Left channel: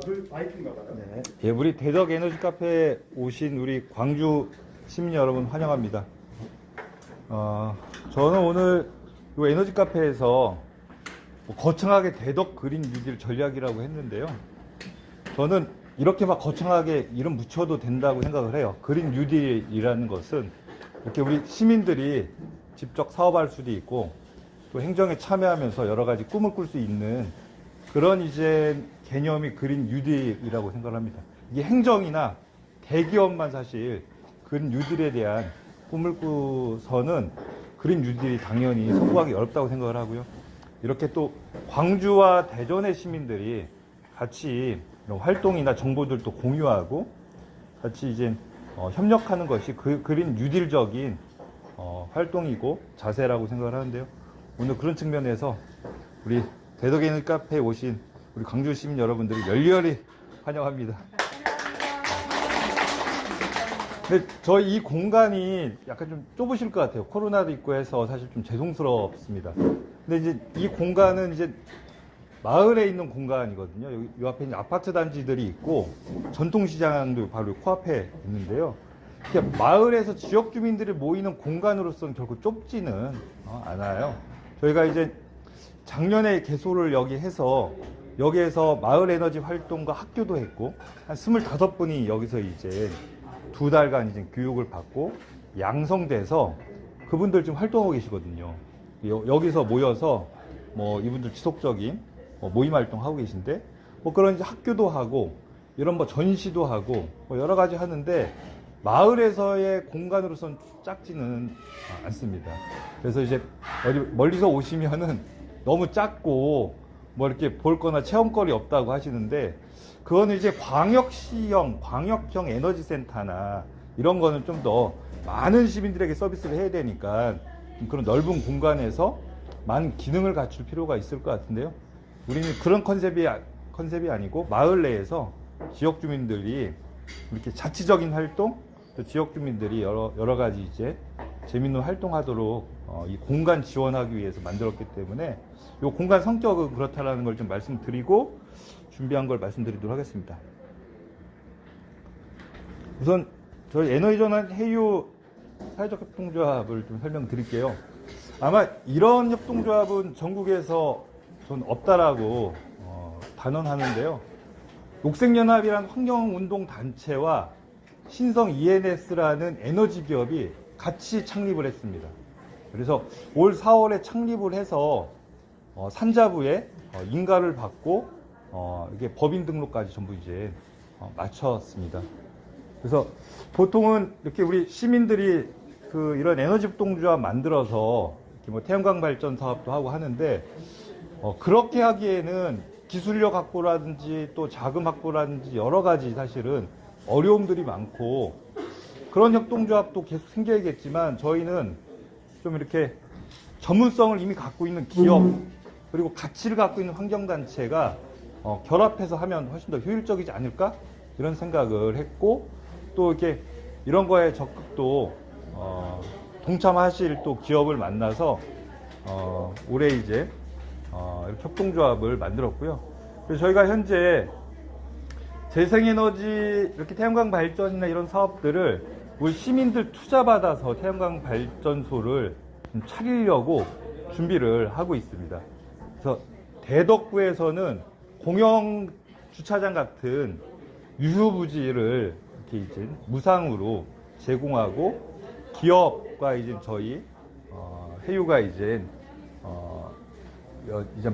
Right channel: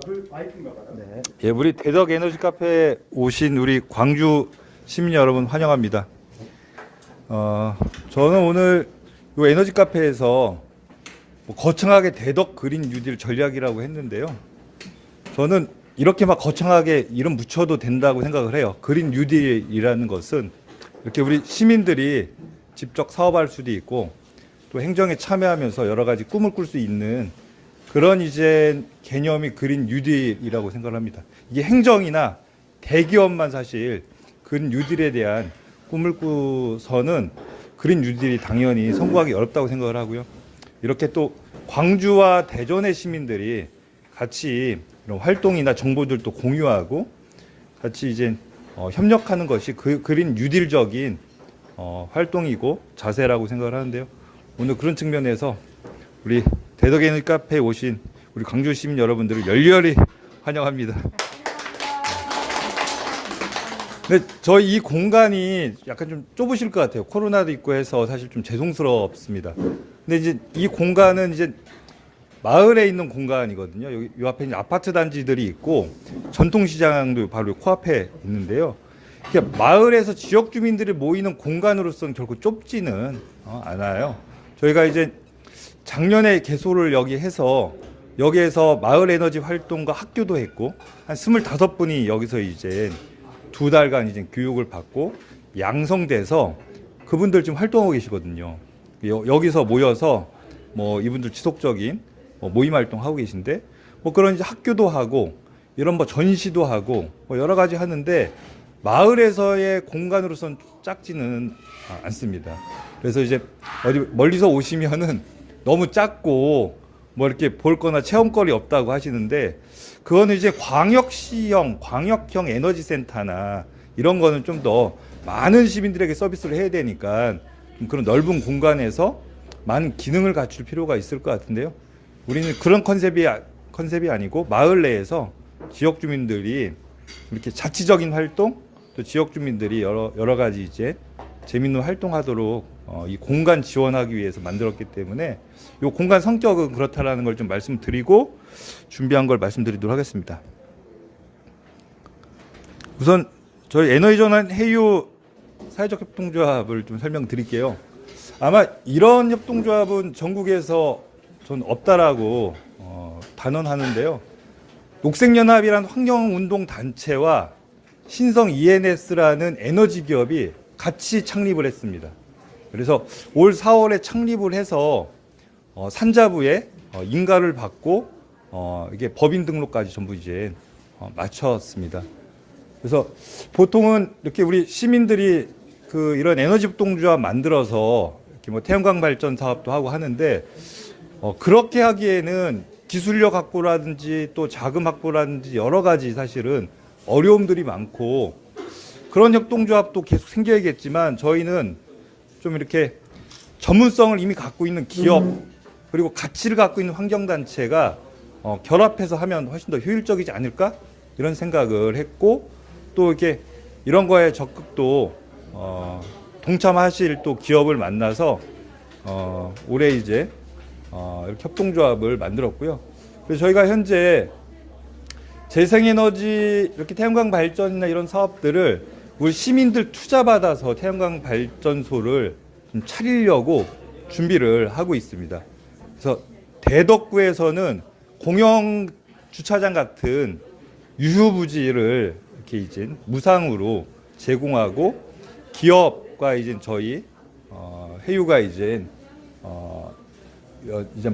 그 마이크인가 봐요. 네. 예, 우리 대덕 에너지 카페에 오신 우리 광주 시민 여러분 환영합니다. 저는 오늘 이 에너지 카페에서 거창하게 대덕 그린 뉴딜 전략이라고 했는데요. 저는 이렇게 막 거창하게 이름 붙여도 된다고 생각을 해요. 그린 뉴딜이라는 것은 이렇게 우리 시민들이 직접 사업할 수도 있고 또 행정에 참여하면서 여러 가지 꿈을 꿀 수 있는 그런 이제 개념이 그린 뉴딜이라고 생각을 합니다. 이게 행정이나 대기업만 사실 그린 뉴딜에 대한 꿈을 꾸서는 그린 뉴딜이 당연히 성공하기 어렵다고 생각을 하고요. 이렇게 또 광주와 대전의 시민들이 같이 이런 활동이나 정보들도 공유하고 같이 이제 협력하는 것이 그린 뉴딜적인 활동이고 자세라고 생각을 하는데요. 오늘 그런 측면에서 우리 대덕 에너지 카페에 오신 우리 광주 시민 여러분들을 열렬히 환영합니다. 근데 저희 이 공간이 약간 좀 좁으실 것 같아요. 코로나도 있고 해서 사실 좀 죄송스럽습니다. 근데 이제 이 공간은 이제 마을에 있는 공간이거든요. 여기 요 앞에 아파트 단지들이 있고 전통시장도 바로 코앞에 있는데요. 마을에서 지역 주민들이 모이는 공간으로서는 결코 좁지는 않아요. 저희가 이제 작년에 개소를 여기 해서 여기에서 마을 에너지 활동과 학교도 했고 한 25분이 여기서 이제 2달간 이제 교육을 받고 양성돼서 그분들 지금 활동하고 계시거든요. 여기서 모여서 뭐 이분들 지속적인 모임 활동 하고 계신데 뭐 그런 이제 학교도 하고 이런 뭐 전시도 하고 뭐 여러 가지 하는데 마을에서의 공간으로선 작지는 않습니다. 그래서 이제 어디 멀리서 오시면은 너무 작고 뭐 이렇게 볼 거나 체험거리 없다고 하시는데 그거는 이제 광역형 에너지 센터나 이런 거는 좀 더 많은 시민들에게 서비스를 해야 되니까 그런 넓은 공간에서 많은 기능을 갖출 필요가 있을 것 같은데요. 우리는 그런 컨셉이 아니고 마을 내에서 지역 주민들이 이렇게 자치적인 활동 또 지역 주민들이 여러 가지 이제 재밌는 활동하도록 이 공간 지원하기 위해서 만들었기 때문에 이 공간 성격은 그렇다라는 걸 좀 말씀드리고 준비한 걸 말씀드리도록 하겠습니다. 우선 저희 에너지전환 해유 사회적 협동조합을 좀 설명드릴게요. 아마 이런 협동조합은 전국에서 전 없다라고 단언하는데요. 녹색연합이란 환경운동 단체와 신성 ENS라는 에너지 기업이 같이 창립을 했습니다. 그래서 올 4월에 창립을 해서 산자부에 인가를 받고 이게 법인 등록까지 전부 이제 마쳤습니다. 그래서 보통은 이렇게 우리 시민들이 그 이런 에너지 협동조합 만들어서 이렇게 뭐 태양광 발전 사업도 하고 하는데 그렇게 하기에는 기술력 확보라든지 또 자금 확보라든지 여러 가지 사실은 어려움들이 많고 그런 협동조합도 계속 생겨야겠지만 저희는 좀 이렇게 전문성을 이미 갖고 있는 기업 그리고 가치를 갖고 있는 환경단체가 결합해서 하면 훨씬 더 효율적이지 않을까 이런 생각을 했고 또 이렇게 이런 거에 적극도 동참하실 또 기업을 만나서 올해 이제 이렇게 협동조합을 만들었고요. 그래서 저희가 현재 재생에너지 이렇게 태양광 발전이나 이런 사업들을 우리 시민들 투자받아서 태양광 발전소를 좀 차리려고 준비를 하고 있습니다. 그래서 대덕구에서는 공영 주차장 같은 유휴부지를 이렇게 이제 무상으로 제공하고 기업과 이제 저희 해유가 이제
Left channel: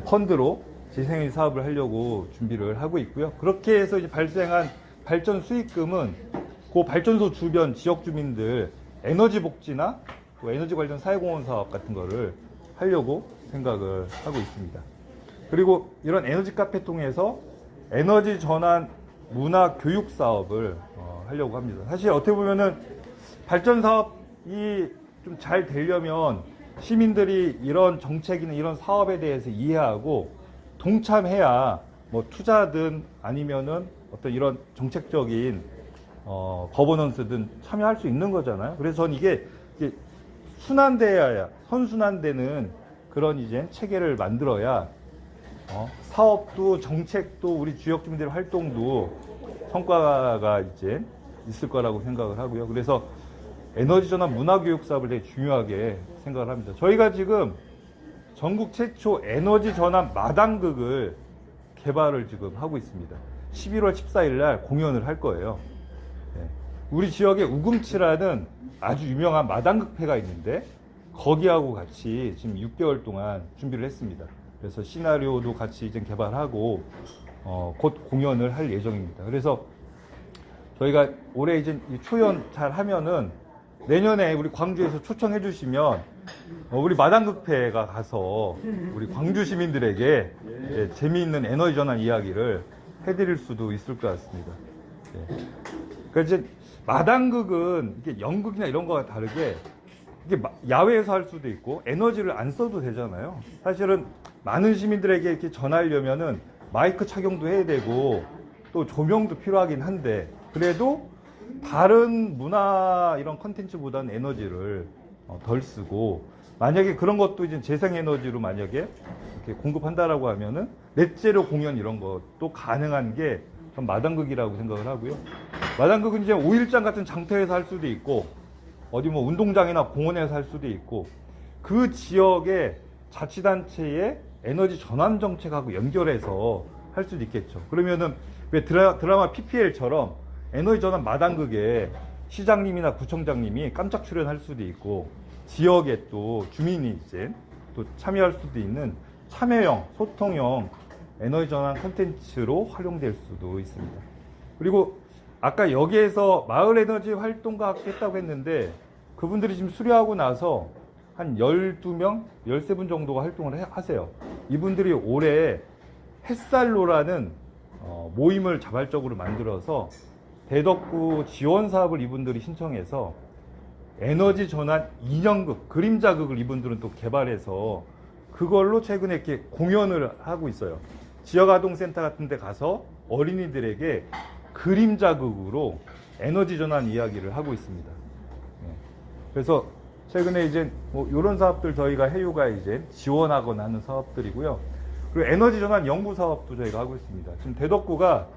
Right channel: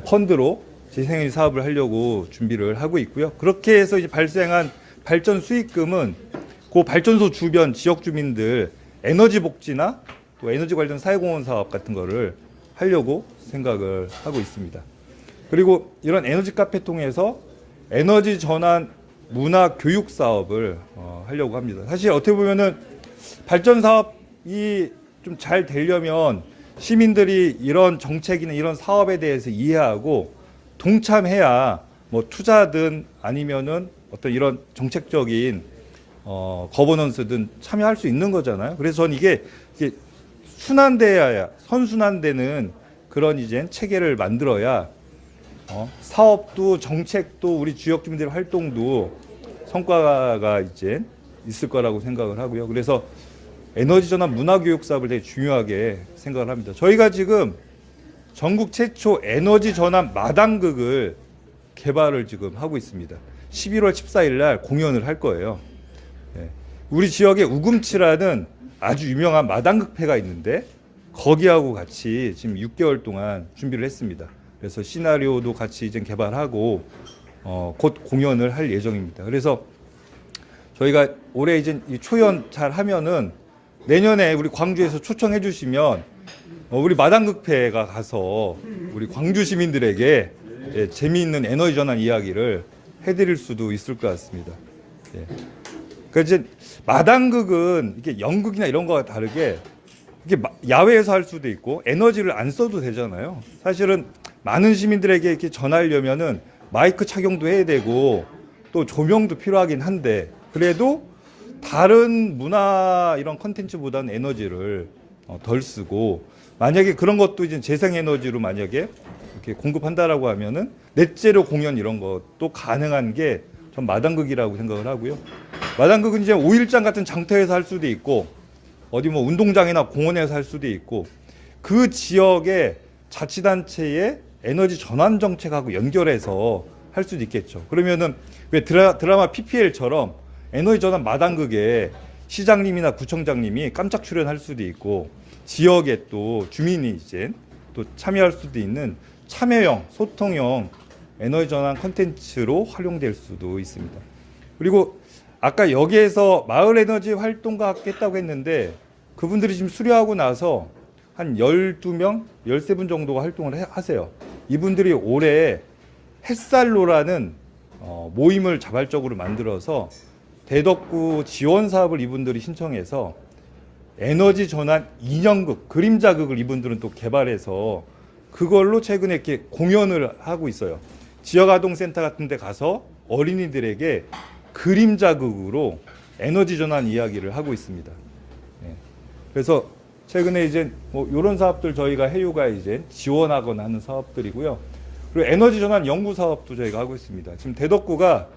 펀드로 재생에너지 사업을 하려고 준비를 하고 있고요. 그렇게 해서 이제 발생한 발전 수익금은 그 발전소 주변 지역 주민들 에너지 복지나 또 에너지 관련 사회공헌 사업 같은 거를 하려고 생각을 하고 있습니다. 그리고 이런 에너지 카페 통해서 에너지 전환 문화 교육 사업을 하려고 합니다. 사실 어떻게 보면은 발전 사업이 좀 잘 되려면 시민들이 이런 정책이나 이런 사업에 대해서 이해하고 동참해야 뭐 투자든 아니면은 어떤 이런 정책적인 거버넌스든 참여할 수 있는 거잖아요. 그래서 저는 이게 순환돼야 선순환되는 그런 이제 체계를 만들어야 사업도 정책도 우리 지역 주민들의 활동도 성과가 이제 있을 거라고 생각을 하고요. 그래서 에너지 전환 문화 교육 사업을 되게 중요하게 생각을 합니다. 저희가 지금 전국 최초 에너지 전환 마당극을 개발을 지금 하고 있습니다. 11월 14일 날 공연을 할 거예요. 예. 우리 지역에 우금치라는 아주 유명한 마당극회가 있는데 거기하고 같이 지금 6개월 동안 준비를 했습니다. 그래서 시나리오도 같이 이제 개발하고 곧 공연을 할 예정입니다. 그래서 저희가 올해 이제 초연 잘 하면은 내년에 우리 광주에서 초청해 주시면 우리 마당극회가 가서 우리 광주 시민들에게 예, 재미있는 에너지 전환 이야기를 해드릴 수도 있을 것 같습니다. 예. 그러니까 이제 마당극은 이게 연극이나 이런 거와 다르게 이게 야외에서 할 수도 있고 에너지를 안 써도 되잖아요. 사실은 많은 시민들에게 이렇게 전하려면은 마이크 착용도 해야 되고 또 조명도 필요하긴 한데 그래도 다른 문화 이런 컨텐츠보다는 에너지를 덜 쓰고 만약에 그런 것도 이제 재생에너지로 만약에 이렇게 공급한다라고 하면은 넷제로 공연 이런 것도 가능한 게 전 마당극이라고 생각을 하고요. 마당극은 이제 5일장 같은 장터에서 할 수도 있고 어디 뭐 운동장이나 공원에서 할 수도 있고 그 지역의 자치단체의 에너지 전환 정책하고 연결해서 할 수도 있겠죠. 그러면은 왜 드라마 PPL처럼 에너지 전환 마당극에 시장님이나 구청장님이 깜짝 출연할 수도 있고 지역에 또 주민이 이제 또 참여할 수도 있는 참여형, 소통형 에너지 전환 콘텐츠로 활용될 수도 있습니다. 그리고 아까 여기에서 마을 에너지 활동가 했다고 했는데 그분들이 지금 수료하고 나서 한 12명, 13분 정도가 활동을 하세요. 이분들이 올해 햇살로라는 모임을 자발적으로 만들어서 대덕구 지원 사업을 이분들이 신청해서 에너지 전환 인형극, 그림자극을 이분들은 또 개발해서 그걸로 최근에 이렇게 공연을 하고 있어요. 지역아동센터 같은 데 가서 어린이들에게 그림자극으로 에너지 전환 이야기를 하고 있습니다. 예. 그래서 최근에 이제 뭐 이런 사업들 저희가 해유가 이제 지원하거나 하는 사업들이고요. 그리고 에너지 전환 연구 사업도 저희가 하고 있습니다. 지금 대덕구가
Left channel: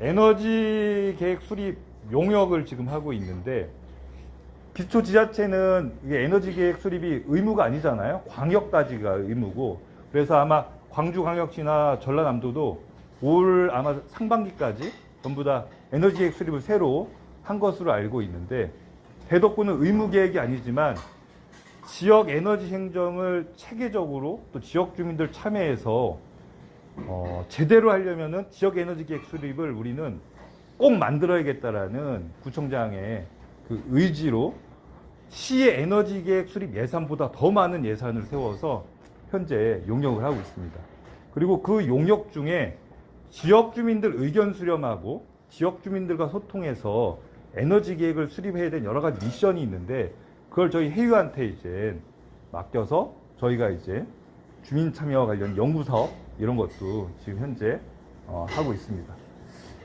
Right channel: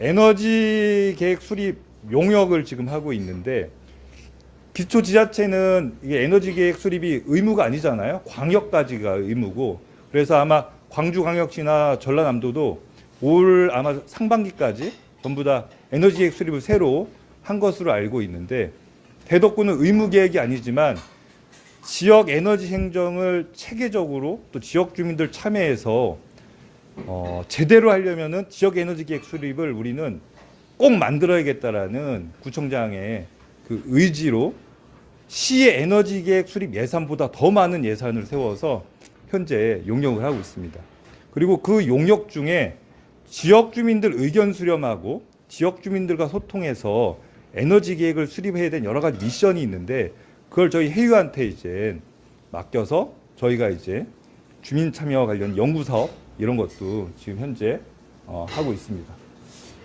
에너지 계획 수립 용역을 지금 하고 있는데 기초 지자체는 이게 에너지 계획 수립이 의무가 아니잖아요. 광역까지가 의무고 그래서 아마 광주광역시나 전라남도도 올 아마 상반기까지 전부 다 에너지 계획 수립을 새로 한 것으로 알고 있는데 대덕구는 의무 계획이 아니지만 지역 에너지 행정을 체계적으로 또 지역 주민들 참여해서 제대로 하려면은 지역 에너지 계획 수립을 우리는 꼭 만들어야겠다라는 구청장의 그 의지로 시의 에너지 계획 수립 예산보다 더 많은 예산을 세워서 현재 용역을 하고 있습니다. 그리고 그 용역 중에 지역 주민들 의견 수렴하고 지역 주민들과 소통해서 에너지 계획을 수립해야 되는 여러 가지 미션이 있는데 그걸 저희 해유한테 이제 맡겨서 저희가 이제 주민 참여와 관련 연구 사업 이런 것도 지금 현재 하고 있습니다.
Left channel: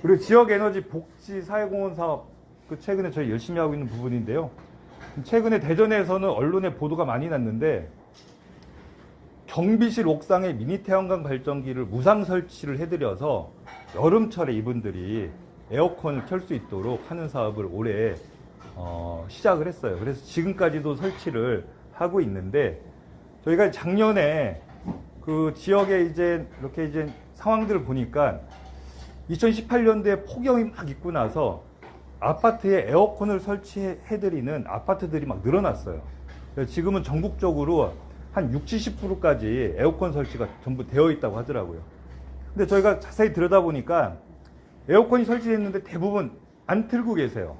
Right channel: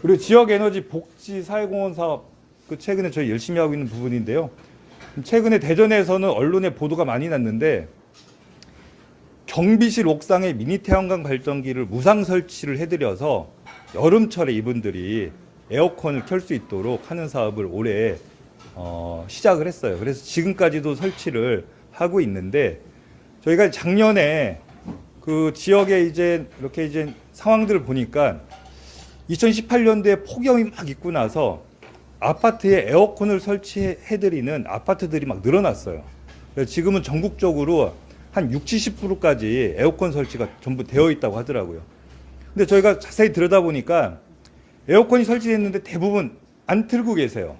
그리고 지역 에너지 복지 사회공헌 사업 그 최근에 저희 열심히 하고 있는 부분인데요. 최근에 대전에서는 언론에 보도가 많이 났는데 경비실 옥상에 미니 태양광 발전기를 무상 설치를 해드려서 여름철에 이분들이 에어컨을 켤 수 있도록 하는 사업을 올해 시작을 했어요. 그래서 지금까지도 설치를 하고 있는데 저희가 작년에 그 지역에 이제 이렇게 이제 상황들을 보니까 2018년도에 폭염이 막 있고 나서 아파트에 에어컨을 설치해드리는 아파트들이 막 늘어났어요. 그래서 지금은 전국적으로 한 60, 70%까지 에어컨 설치가 전부 되어 있다고 하더라고요. 근데 저희가 자세히 들여다보니까 에어컨이 설치됐는데 대부분 안 틀고 계세요.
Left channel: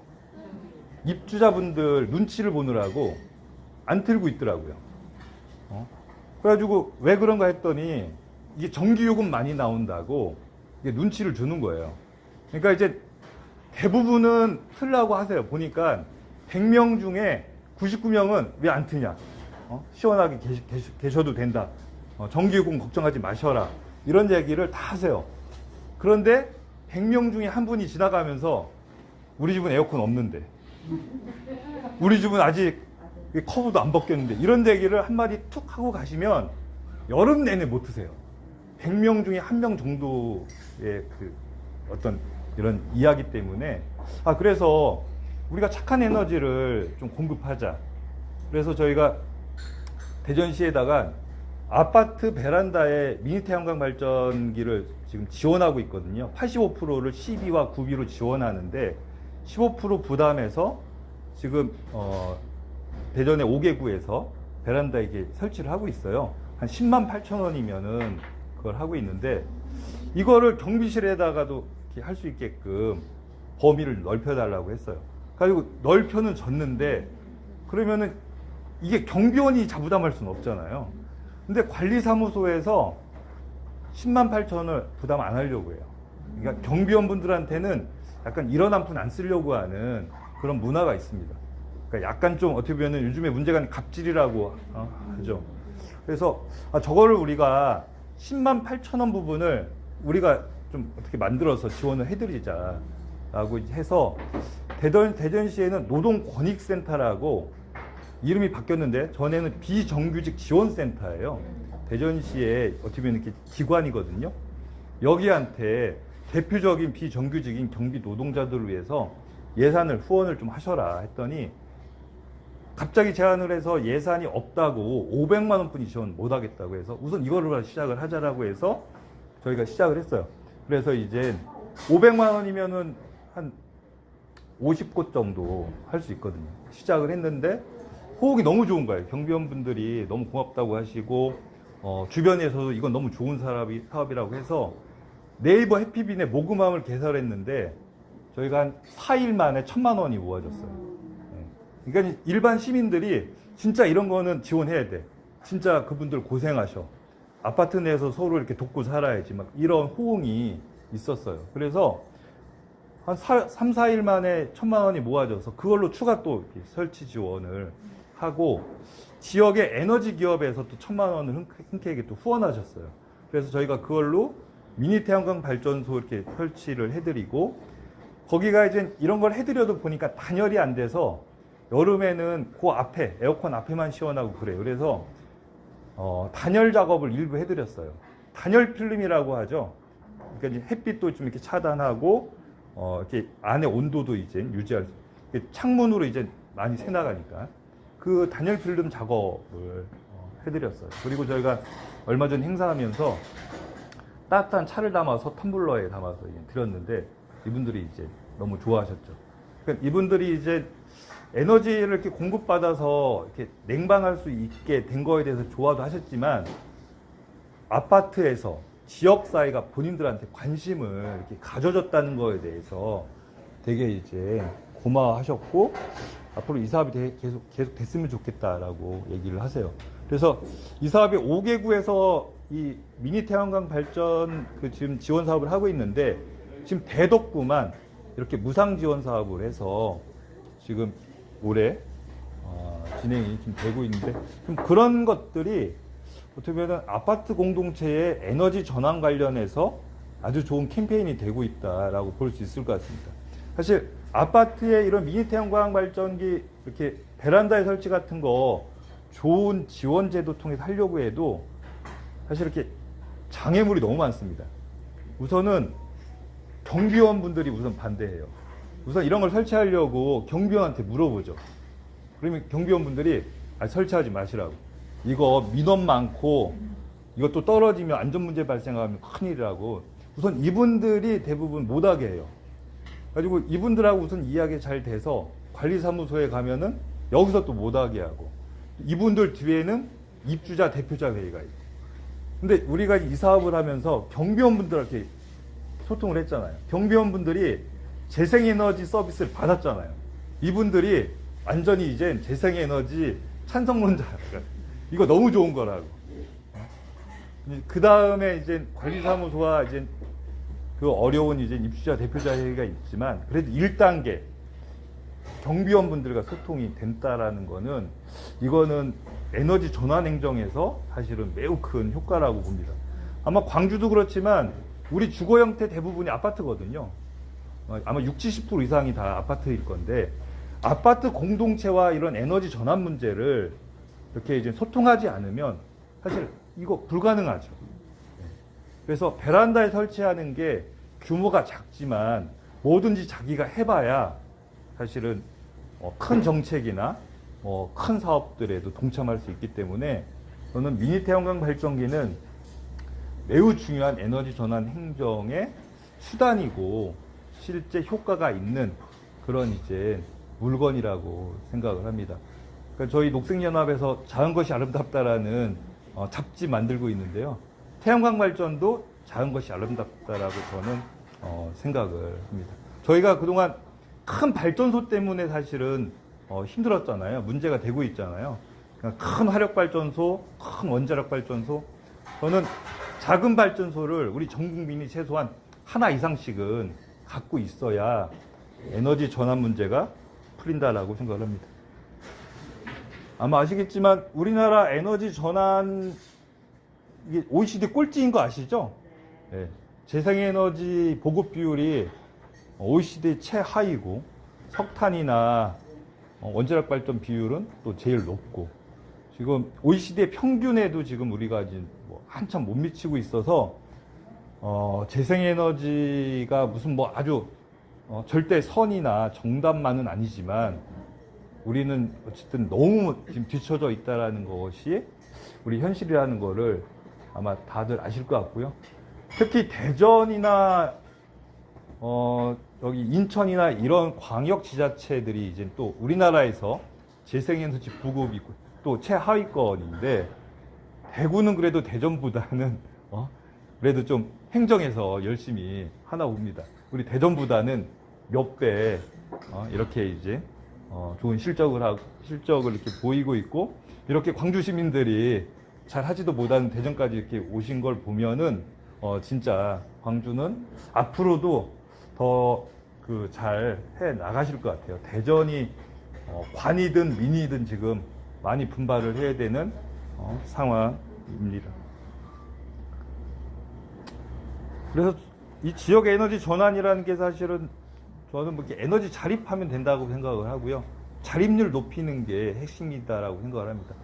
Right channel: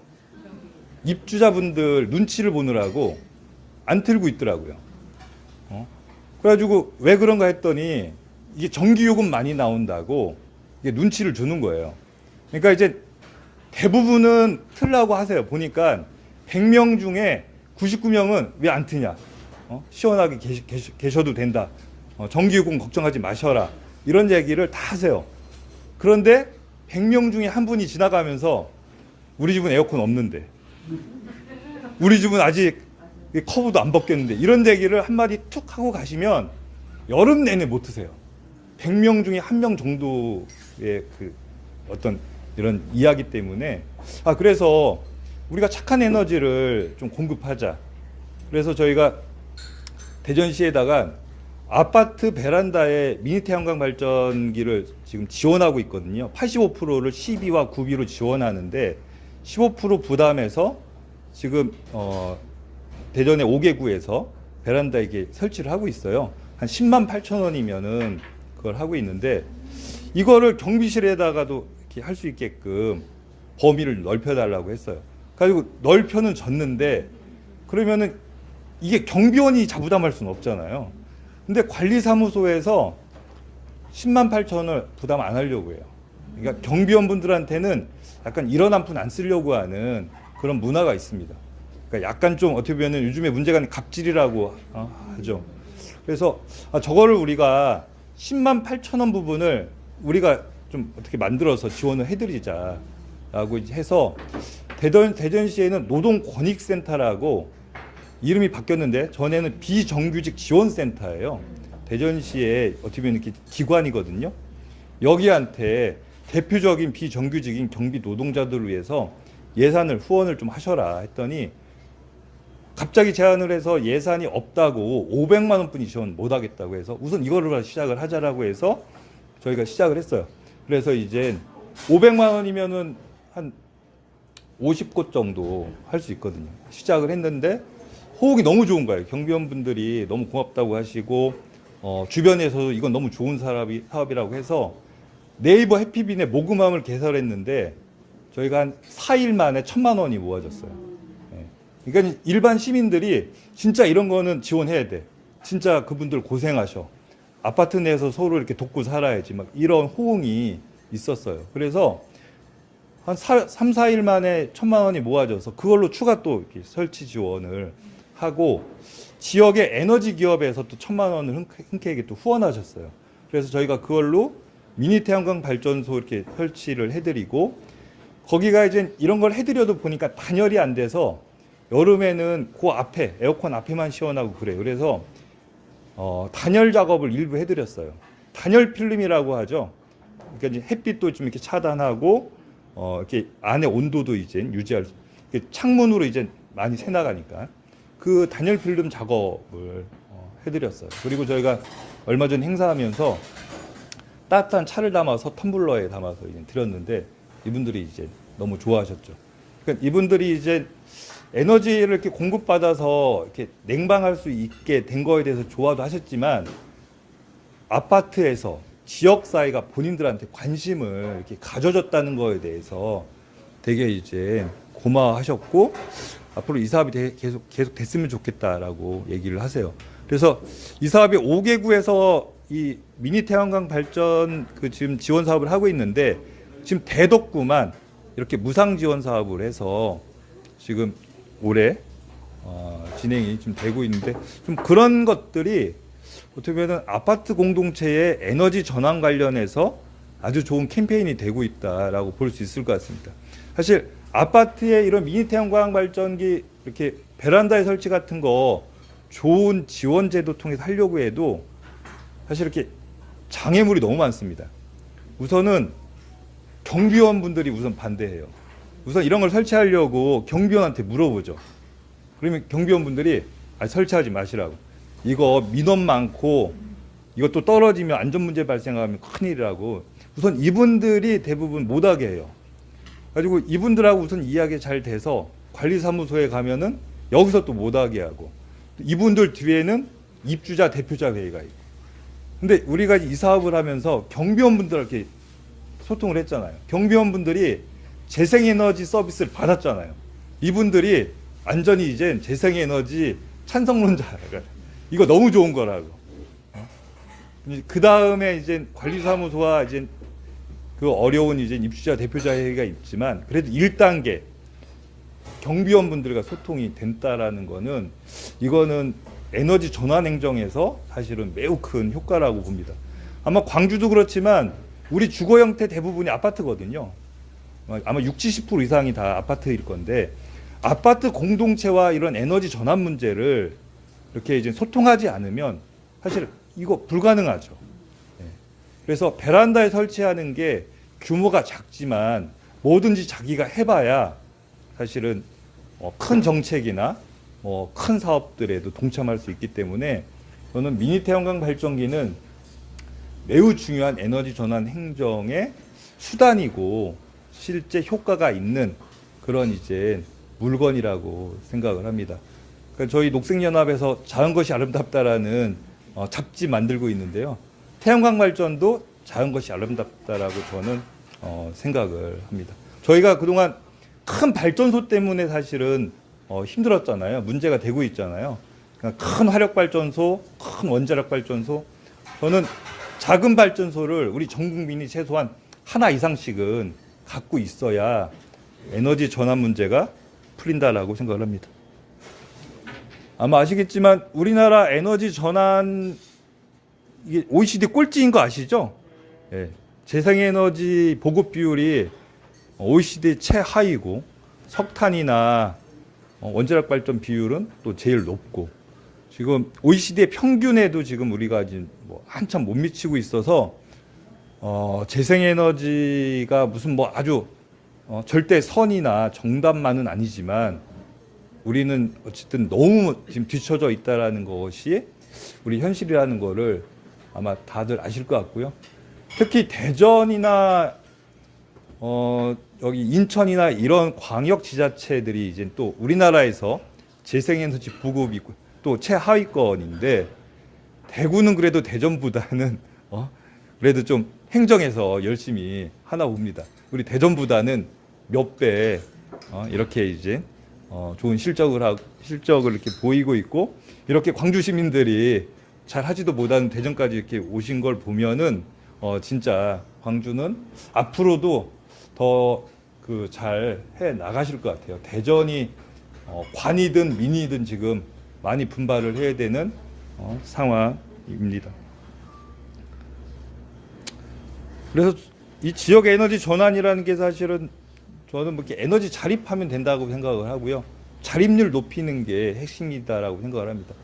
입주자분들 눈치를 보느라고 안 틀고 있더라고요. 그래가지고 왜 그런가 했더니 이게 전기요금 많이 나온다고 이게 눈치를 주는 거예요. 그러니까 이제 대부분은 틀라고 하세요. 보니까 100명 중에 99명은 왜 안 트냐? 시원하게 계셔도 된다. 전기요금 걱정하지 마셔라. 이런 얘기를 다 하세요. 그런데 100명 중에 한 분이 지나가면서 우리 집은 에어컨 없는데 우리 집은 아직 커브도 안 벗겼는데 이런 얘기를 한마디 툭 하고 가시면 여름 내내 못 트세요. 100명 중에 1명 정도의 그 어떤 이런 이야기 때문에 그래서 우리가 착한 에너지를 좀 공급하자. 그래서 저희가 대전시에다가 아파트 베란다에 미니 태양광 발전기를 지금 지원하고 있거든요. 85%를 CB와 구비로 지원하는데 15% 부담해서 지금 대전의 5개구에서 베란다에 이게 설치를 하고 있어요. 한 10만 8천 원이면은 그걸 하고 있는데 이거를 경비실에다가도 이렇게 할 수 있게끔 범위를 넓혀달라고 했어요. 그리고 넓혀는 줬는데 그러면은 이게 경비원이 자부담할 수는 없잖아요. 근데 관리사무소에서 10만 8천 원을 부담 안 하려고 해요. 그러니까 경비원분들한테는 약간 이런 한 푼 안 쓰려고 하는 그런 문화가 있습니다. 그러니까 약간 좀 어떻게 보면 요즘에 문제가 갑질이라고 하죠. 그래서 저거를 우리가 10만 8천 원 부분을 우리가 좀 어떻게 만들어서 지원을 해드리자라고 해서 대전시에는 노동권익센터라고 이름이 바뀌었는데 전에는 비정규직 지원센터예요. 대전시에 어떻게 보면 이렇게 기관이거든요. 여기한테 대표적인 비정규직인 경비 노동자들을 위해서 예산을 후원을 좀 하셔라 했더니 갑자기 제안을 해서 예산이 없다고 500만 원뿐이 지원 못 하겠다고 해서 우선 이거를 시작을 하자라고 해서 저희가 시작을 했어요. 그래서 이제 500만 원이면은 한 50곳 정도 할 수 있거든요. 시작을 했는데 호응이 너무 좋은 거예요. 경비원분들이 너무 고맙다고 하시고 주변에서도 이건 너무 좋은 사업이라고 해서 네이버 해피빈에 모금함을 개설했는데 저희가 한 4일 만에 1,000만 원이 모아졌어요. 그러니까 일반 시민들이 진짜 이런 거는 지원해야 돼. 진짜 그분들 고생하셔. 아파트 내에서 서로 이렇게 돕고 살아야지. 막 이런 호응이 있었어요. 그래서 한 3, 4일 만에 1,000만 원이 모아져서 그걸로 추가 또 이렇게 설치 지원을 하고 지역의 에너지 기업에서 또 1,000만 원을 흔쾌하게 또 후원하셨어요. 그래서 저희가 그걸로 미니 태양광 발전소 이렇게 설치를 해드리고 거기가 이제 이런 걸 해드려도 보니까 단열이 안 돼서 여름에는 그 앞에 에어컨 앞에만 시원하고 그래요. 그래서 단열 작업을 일부 해드렸어요. 단열 필름이라고 하죠. 그러니까 이제 햇빛도 좀 이렇게 차단하고 이렇게 안에 온도도 이제 유지할 수. 창문으로 이제 많이 새 나가니까 그 단열 필름 작업을 해드렸어요. 그리고 저희가 얼마 전 행사하면서 따뜻한 차를 담아서 텀블러에 담아서 이제 드렸는데 이분들이 이제 너무 좋아하셨죠. 그러니까 이분들이 이제 에너지를 이렇게 공급받아서 이렇게 냉방할 수 있게 된 거에 대해서 좋아도 하셨지만 아파트에서 지역사회가 본인들한테 관심을 이렇게 가져줬다는 거에 대해서 되게 이제 고마워하셨고 앞으로 이 사업이 계속 됐으면 좋겠다라고 얘기를 하세요. 그래서 이 사업이 5개구에서 이 미니 태양광 발전 그 지금 지원 사업을 하고 있는데 지금 대덕구만 이렇게 무상 지원 사업을 해서 지금 올해 진행이 좀 되고 있는데 좀 그런 것들이 어떻게 보면 아파트 공동체의 에너지 전환 관련해서 아주 좋은 캠페인이 되고 있다라고 볼 수 있을 것 같습니다. 사실 아파트에 이런 미니 태양광 발전기 이렇게 베란다에 설치 같은 거 좋은 지원 제도 통해서 하려고 해도 사실 이렇게 장애물이 너무 많습니다. 우선은 경비원분들이 우선 반대해요. 우선 이런 걸 설치하려고 경비원한테 물어보죠. 그러면 경비원분들이 설치하지 마시라고. 이거 민원 많고 이것도 떨어지면 안전 문제 발생하면 큰일이라고. 우선 이분들이 대부분 못하게 해요. 가지고 이분들하고 우선 이야기 잘 돼서 관리사무소에 가면은 여기서 또 못하게 하고 이분들 뒤에는 입주자 대표자 회의가 있고. 근데 우리가 이 사업을 하면서 경비원분들한테 소통을 했잖아요. 경비원분들이 재생에너지 서비스를 받았잖아요. 이분들이 완전히 이제 재생에너지 찬성론자가 이거 너무 좋은 거라고. 그 다음에 이제 관리사무소와 이제 그 어려운 이제 입주자 대표자 회의가 있지만 그래도 1단계 경비원분들과 소통이 된다라는 거는 이거는 에너지 전환 행정에서 사실은 매우 큰 효과라고 봅니다. 아마 광주도 그렇지만 우리 주거 형태 대부분이 아파트거든요. 아마 60, 70% 이상이 다 아파트일 건데 아파트 공동체와 이런 에너지 전환 문제를 이렇게 이제 소통하지 않으면 사실 이거 불가능하죠. 그래서 베란다에 설치하는 게 규모가 작지만 뭐든지 자기가 해봐야 사실은 큰 정책이나 큰 사업들에도 동참할 수 있기 때문에 저는 미니 태양광 발전기는 매우 중요한 에너지 전환 행정의 수단이고 실제 효과가 있는 그런 이제 물건이라고 생각을 합니다. 그러니까 저희 녹색연합에서 작은 것이 아름답다라는 잡지 만들고 있는데요. 태양광 발전도 작은 것이 아름답다라고 저는 생각을 합니다. 저희가 그동안 큰 발전소 때문에 사실은 힘들었잖아요. 문제가 되고 있잖아요. 그러니까 큰 화력 발전소, 큰 원자력 발전소. 저는 작은 발전소를 우리 전 국민이 최소한 하나 이상씩은 갖고 있어야 에너지 전환 문제가 풀린다라고 생각을 합니다. 아마 아시겠지만 우리나라 에너지 전환 이게 OECD 꼴찌인 거 아시죠? 예. 재생에너지 보급 비율이 OECD 최하위고 석탄이나 원자력 발전 비율은 또 제일 높고 지금 OECD의 평균에도 지금 우리가 지금 한참 못 미치고 있어서 재생에너지가 무슨 아주 절대 선이나 정답만은 아니지만 우리는 어쨌든 너무 지금 뒤처져 있다라는 것이 우리 현실이라는 거를 아마 다들 아실 것 같고요. 특히 대전이나 여기 인천이나 이런 광역 지자체들이 이제 또 우리나라에서 재생에너지 보급이 또 최하위권인데 대구는 그래도 대전보다는 그래도 좀 행정에서 열심히 하나 봅니다. 우리 대전보다는 몇 배 이렇게 이제 좋은 실적을 이렇게 보이고 있고 이렇게 광주 시민들이 잘 하지도 못하는 대전까지 이렇게 오신 걸 보면은 진짜 광주는 앞으로도 더 그 잘 해 나가실 것 같아요. 대전이 관이든 민이든 지금 많이 분발을 해야 되는 상황입니다. 그래서 이 지역 에너지 전환이라는 게 사실은 저는 이렇게 에너지 자립하면 된다고 생각을 하고요. 자립률 높이는 게 핵심이다라고 생각을 합니다.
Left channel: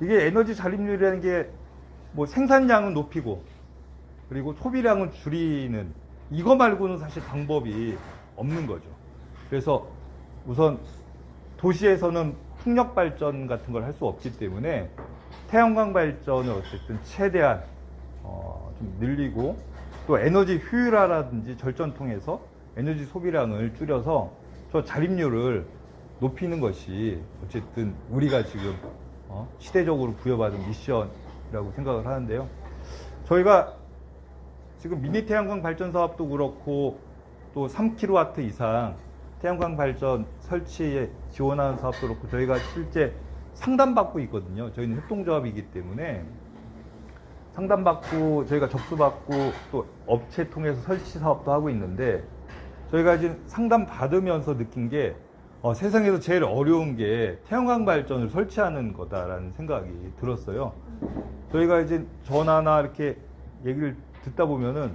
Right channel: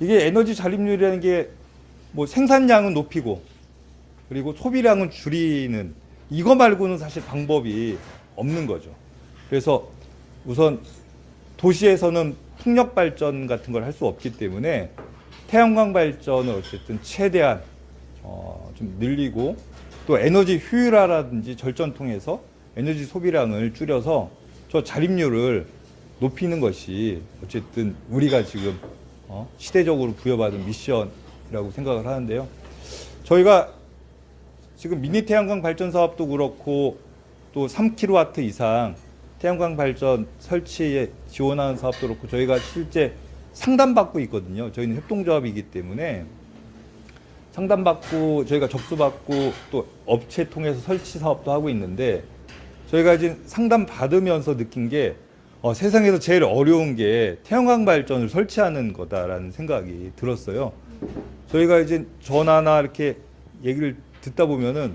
이게 에너지 자립률이라는 게 생산량은 높이고 그리고 소비량은 줄이는 이거 말고는 사실 방법이 없는 거죠. 그래서 우선 도시에서는 풍력 발전 같은 걸 할 수 없기 때문에 태양광 발전을 어쨌든 최대한 좀 늘리고 또 에너지 효율화라든지 절전 통해서 에너지 소비량을 줄여서 저 자립률을 높이는 것이 어쨌든 우리가 지금 시대적으로 부여받은 미션이라고 생각을 하는데요. 저희가 지금 미니 태양광 발전 사업도 그렇고 또 3kW 이상 태양광 발전 설치에 지원하는 사업도 그렇고 저희가 실제 상담받고 있거든요. 저희는 협동조합이기 때문에 상담받고 저희가 접수받고 또 업체 통해서 설치 사업도 하고 있는데 저희가 이제 상담 받으면서 느낀 게 세상에서 제일 어려운 게 태양광 발전을 설치하는 거다라는 생각이 들었어요. 저희가 이제 전화나 이렇게 얘기를 듣다 보면은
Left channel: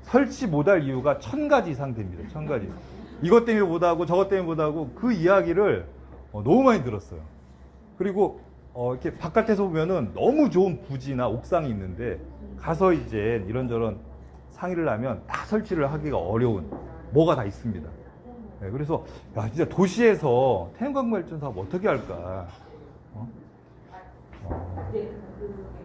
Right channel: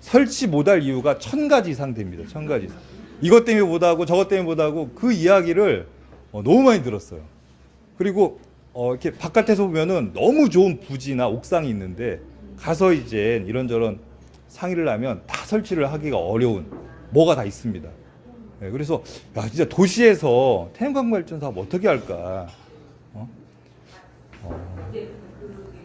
설치 못할 이유가 1000가지 이상 됩니다. 1000가지 이상. 이것 때문에 못하고 저것 때문에 못하고 그 이야기를 너무 많이 들었어요. 그리고 이렇게 바깥에서 보면은 너무 좋은 부지나 옥상이 있는데 가서 이제 이런저런 상의를 하면 다 설치를 하기가 어려운 뭐가 다 있습니다. 네, 그래서 진짜 도시에서 태양광 발전 사업 어떻게 할까?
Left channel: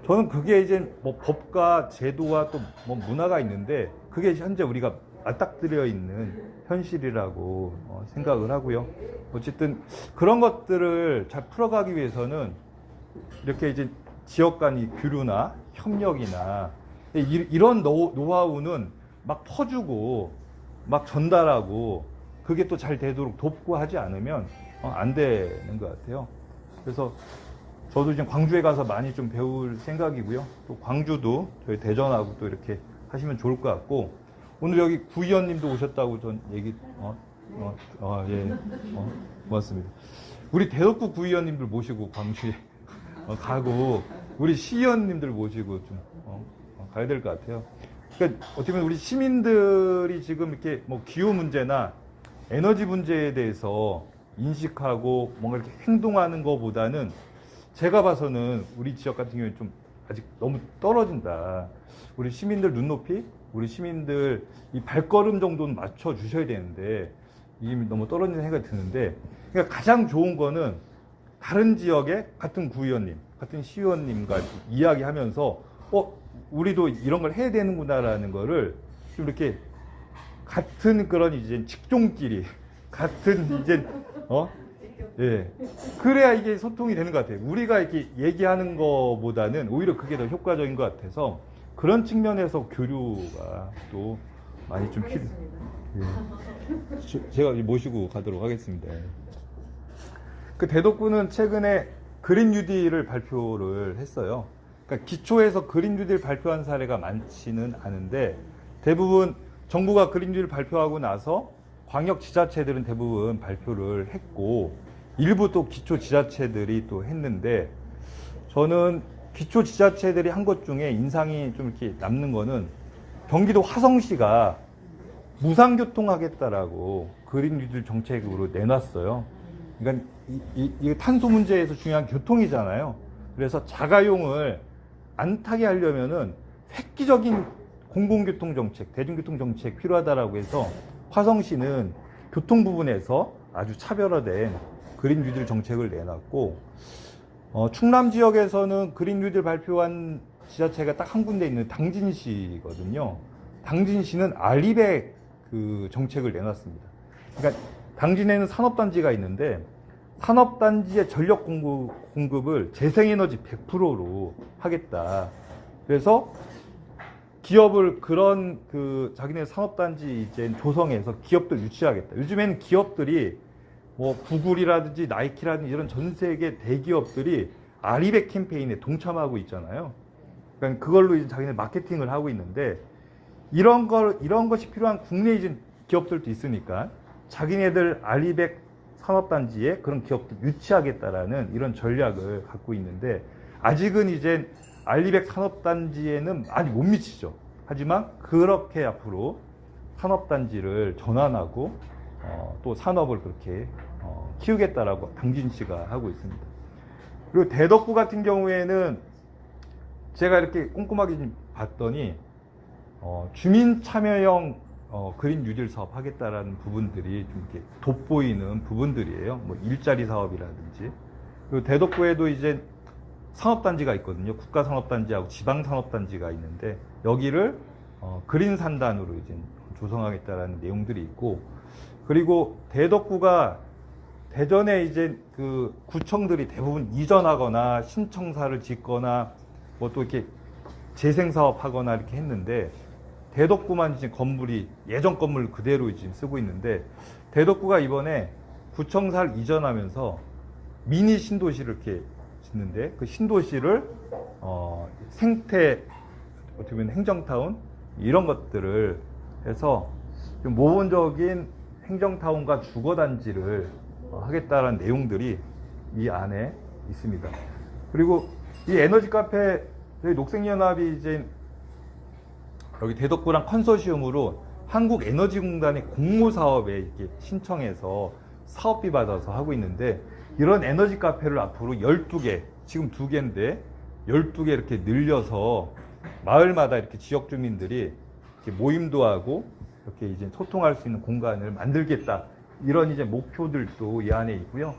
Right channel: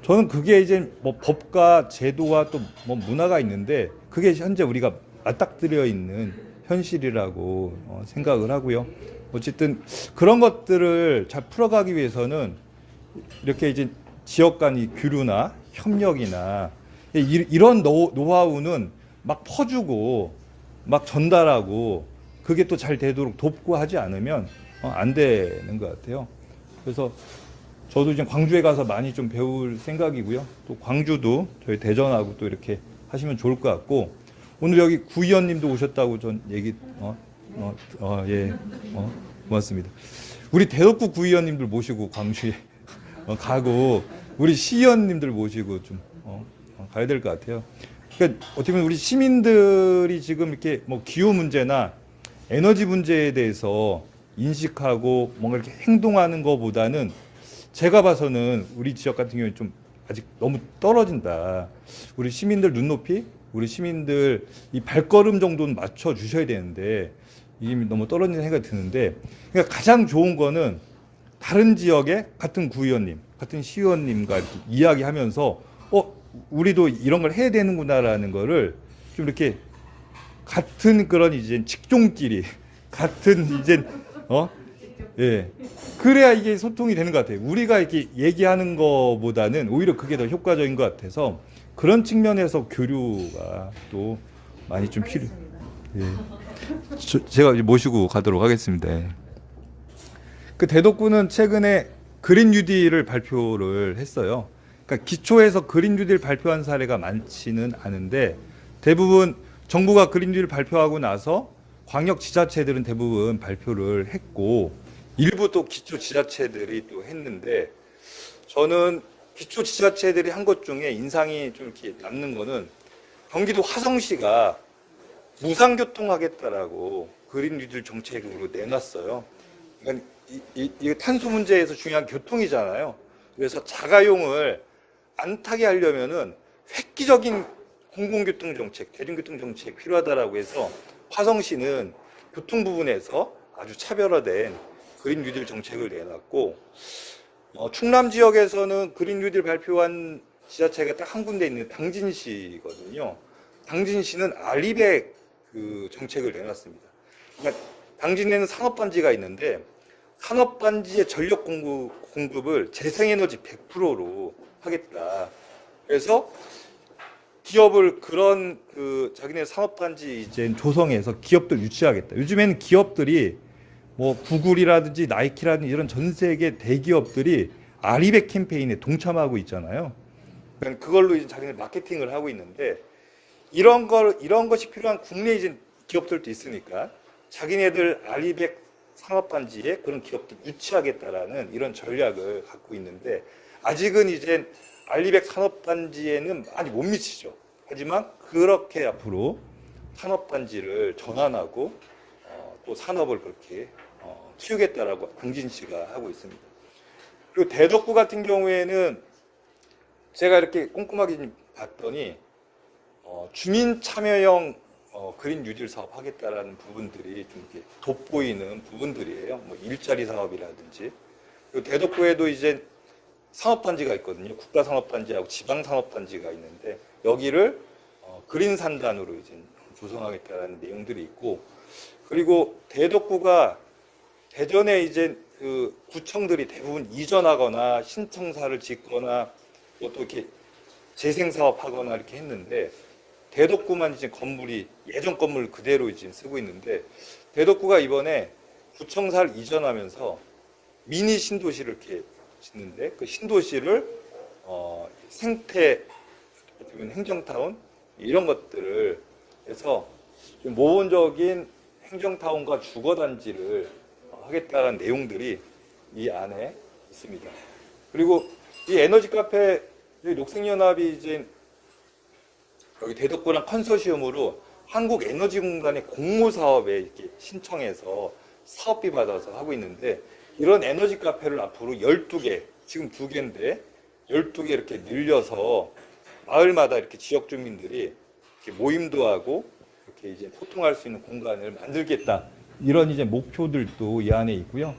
저는 그게 이제 법과 제도와 또 문화가 있는데 그게 현재 우리가 맞닥뜨려 있는 현실이라고 생각을 하고요. 어쨌든 그런 것들을 잘 풀어가기 위해서는 이렇게 이제 지역 간의 교류나 협력이나 이런 노하우는 막 퍼주고 막 전달하고 그게 또 잘 되도록 돕고 하지 않으면 안 되는 것 같아요. 그래서 저도 지금 광주에 가서 많이 좀 배울 생각이고요. 또 광주도 저희 대전하고 또 이렇게 하시면 좋을 것 같고 오늘 여기 구의원님도 오셨다고 전 얘기 예 고맙습니다. 우리 대덕구 구의원님들 모시고 광주에 가고 우리 시의원님들 모시고 좀 가야 될 것 같아요. 그러니까 어떻게 보면 우리 시민들이 지금 이렇게 기후 문제나 에너지 문제에 대해서 인식하고 뭔가 이렇게 행동하는 것보다는 제가 봐서는 우리 지역 같은 경우에 좀 아직 너무 떨어진다. 우리 시민들 눈높이, 우리 시민들 이 발걸음 정도는 맞춰 주셔야 되는데 이게 너무 떨어지는 생각이 드는데, 그러니까 가장 좋은 거는 다른 지역의 같은 구의원님, 같은 시의원님과 이렇게 이야기하면서 우리도 이런 걸 해야 되는구나라는 거를 좀 이렇게 같은 그런 이제 직종끼리 같은 이제 예, 그래야 이게 소통이 되는 것 같아요. 우리가 이렇게 얘기하는 거보다는 오히려 그게 더 효과적인 것 같아서 그런 측면에서 교류가 또 많이 좀 필요. 예, 제가 모시고 가도록 하겠습니다. 그 대덕구는 최근에 그린 뉴딜을 발표를 했어요. 그러니까 기초에서 그린 뉴딜 발표한 사례가 많지는 않은데 대부분 정부가 그린 뉴딜 발표하고 나서 광역 지자체들은 대부분 발표를 했고 일부 또 기초 지자체들이 또 했는데, 저는 기초 지자체들이 한 것 중에 인상이 좀 이렇게 남는 거는 경기도 화성시가 무상교통하겠다라고 그린 뉴딜 정책으로 내놨어요. 그러니까 이 탄소 문제에서 중요한 교통이잖아요. 그래서 자가용을 안 타게 하려면은 획기적인 공공교통 정책, 대중교통 정책 필요하다라고 해서 화성시는 교통 부분에서 아주 차별화된 그린 뉴딜 정책을 내놨고, 충남 지역에서는 그린 뉴딜 발표한 지자체가 딱 한 군데 있는 당진시거든요. 당진시는 알리백 그 정책을 내놨습니다. 그러니까 당진에는 산업단지가 있는데 산업단지의 전력 공급을 재생에너지 100%로 하겠다. 그래서 기업을 그런 그 자기네 산업단지 이제 조성해서 기업들 유치하겠다. 요즘에는 기업들이 뭐 구글이라든지 나이키라든지 이런 전 세계 대기업들이 아리백 캠페인에 동참하고 있잖아요. 그러니까 그걸로 이제 자기네 마케팅을 하고 있는데 이런 것이 필요한 국내 이제 기업들도 있으니까 자기네들 아리백 산업단지에 그런 기업들 유치하겠다라는 이런 전략을 갖고 있는데, 아직은 이제 알리백 산업단지에는 많이 못 미치죠. 하지만 그렇게 앞으로 산업단지를 전환하고 또 산업을 그렇게 키우겠다라고 당진시가 하고 있습니다. 그리고 대덕구 같은 경우에는 제가 이렇게 꼼꼼하게 좀 봤더니 주민 참여형 그린 뉴딜 사업 하겠다라는 부분들이 좀 이렇게 돋보이는 부분들이에요. 뭐 일자리 사업이라든지. 그리고 대덕구에도 이제 산업단지가 있거든요. 국가산업단지하고 지방산업단지가 있는데 여기를 그린 산단으로 이제 조성하겠다라는 내용들이 있고, 그리고 대덕구가 대전에 이제 그 구청들이 대부분 이전하거나 신청사를 짓거나 뭐 또 이렇게 재생사업하거나 이렇게 했는데 대덕구만 이제 건물이 예전 건물 그대로 이제 쓰고 있는데, 대덕구가 이번에 구청사를 이전하면서 미니 신도시를 이렇게 짓는데 그 신도시를 생태 어떻게 보면 행정타운 이런 것들을 해서 좀 모범적인 행정타운과 주거단지를 하겠다는 내용들이 이 안에 있습니다. 그리고 이 에너지 카페 저희 녹색연합이 이제 여기 대덕구랑 컨소시엄으로 한국에너지공단의 공모사업에 이렇게 신청해서 사업비 받아서 하고 있는데, 이런 에너지 카페를 앞으로 12개, 지금 2개인데 12개 이렇게 늘려서 마을마다 이렇게 지역 주민들이 이렇게 모임도 하고 이렇게 이제 소통할 수 있는 공간을 만들겠다. 이런 이제 목표들도 이 안에 있고요.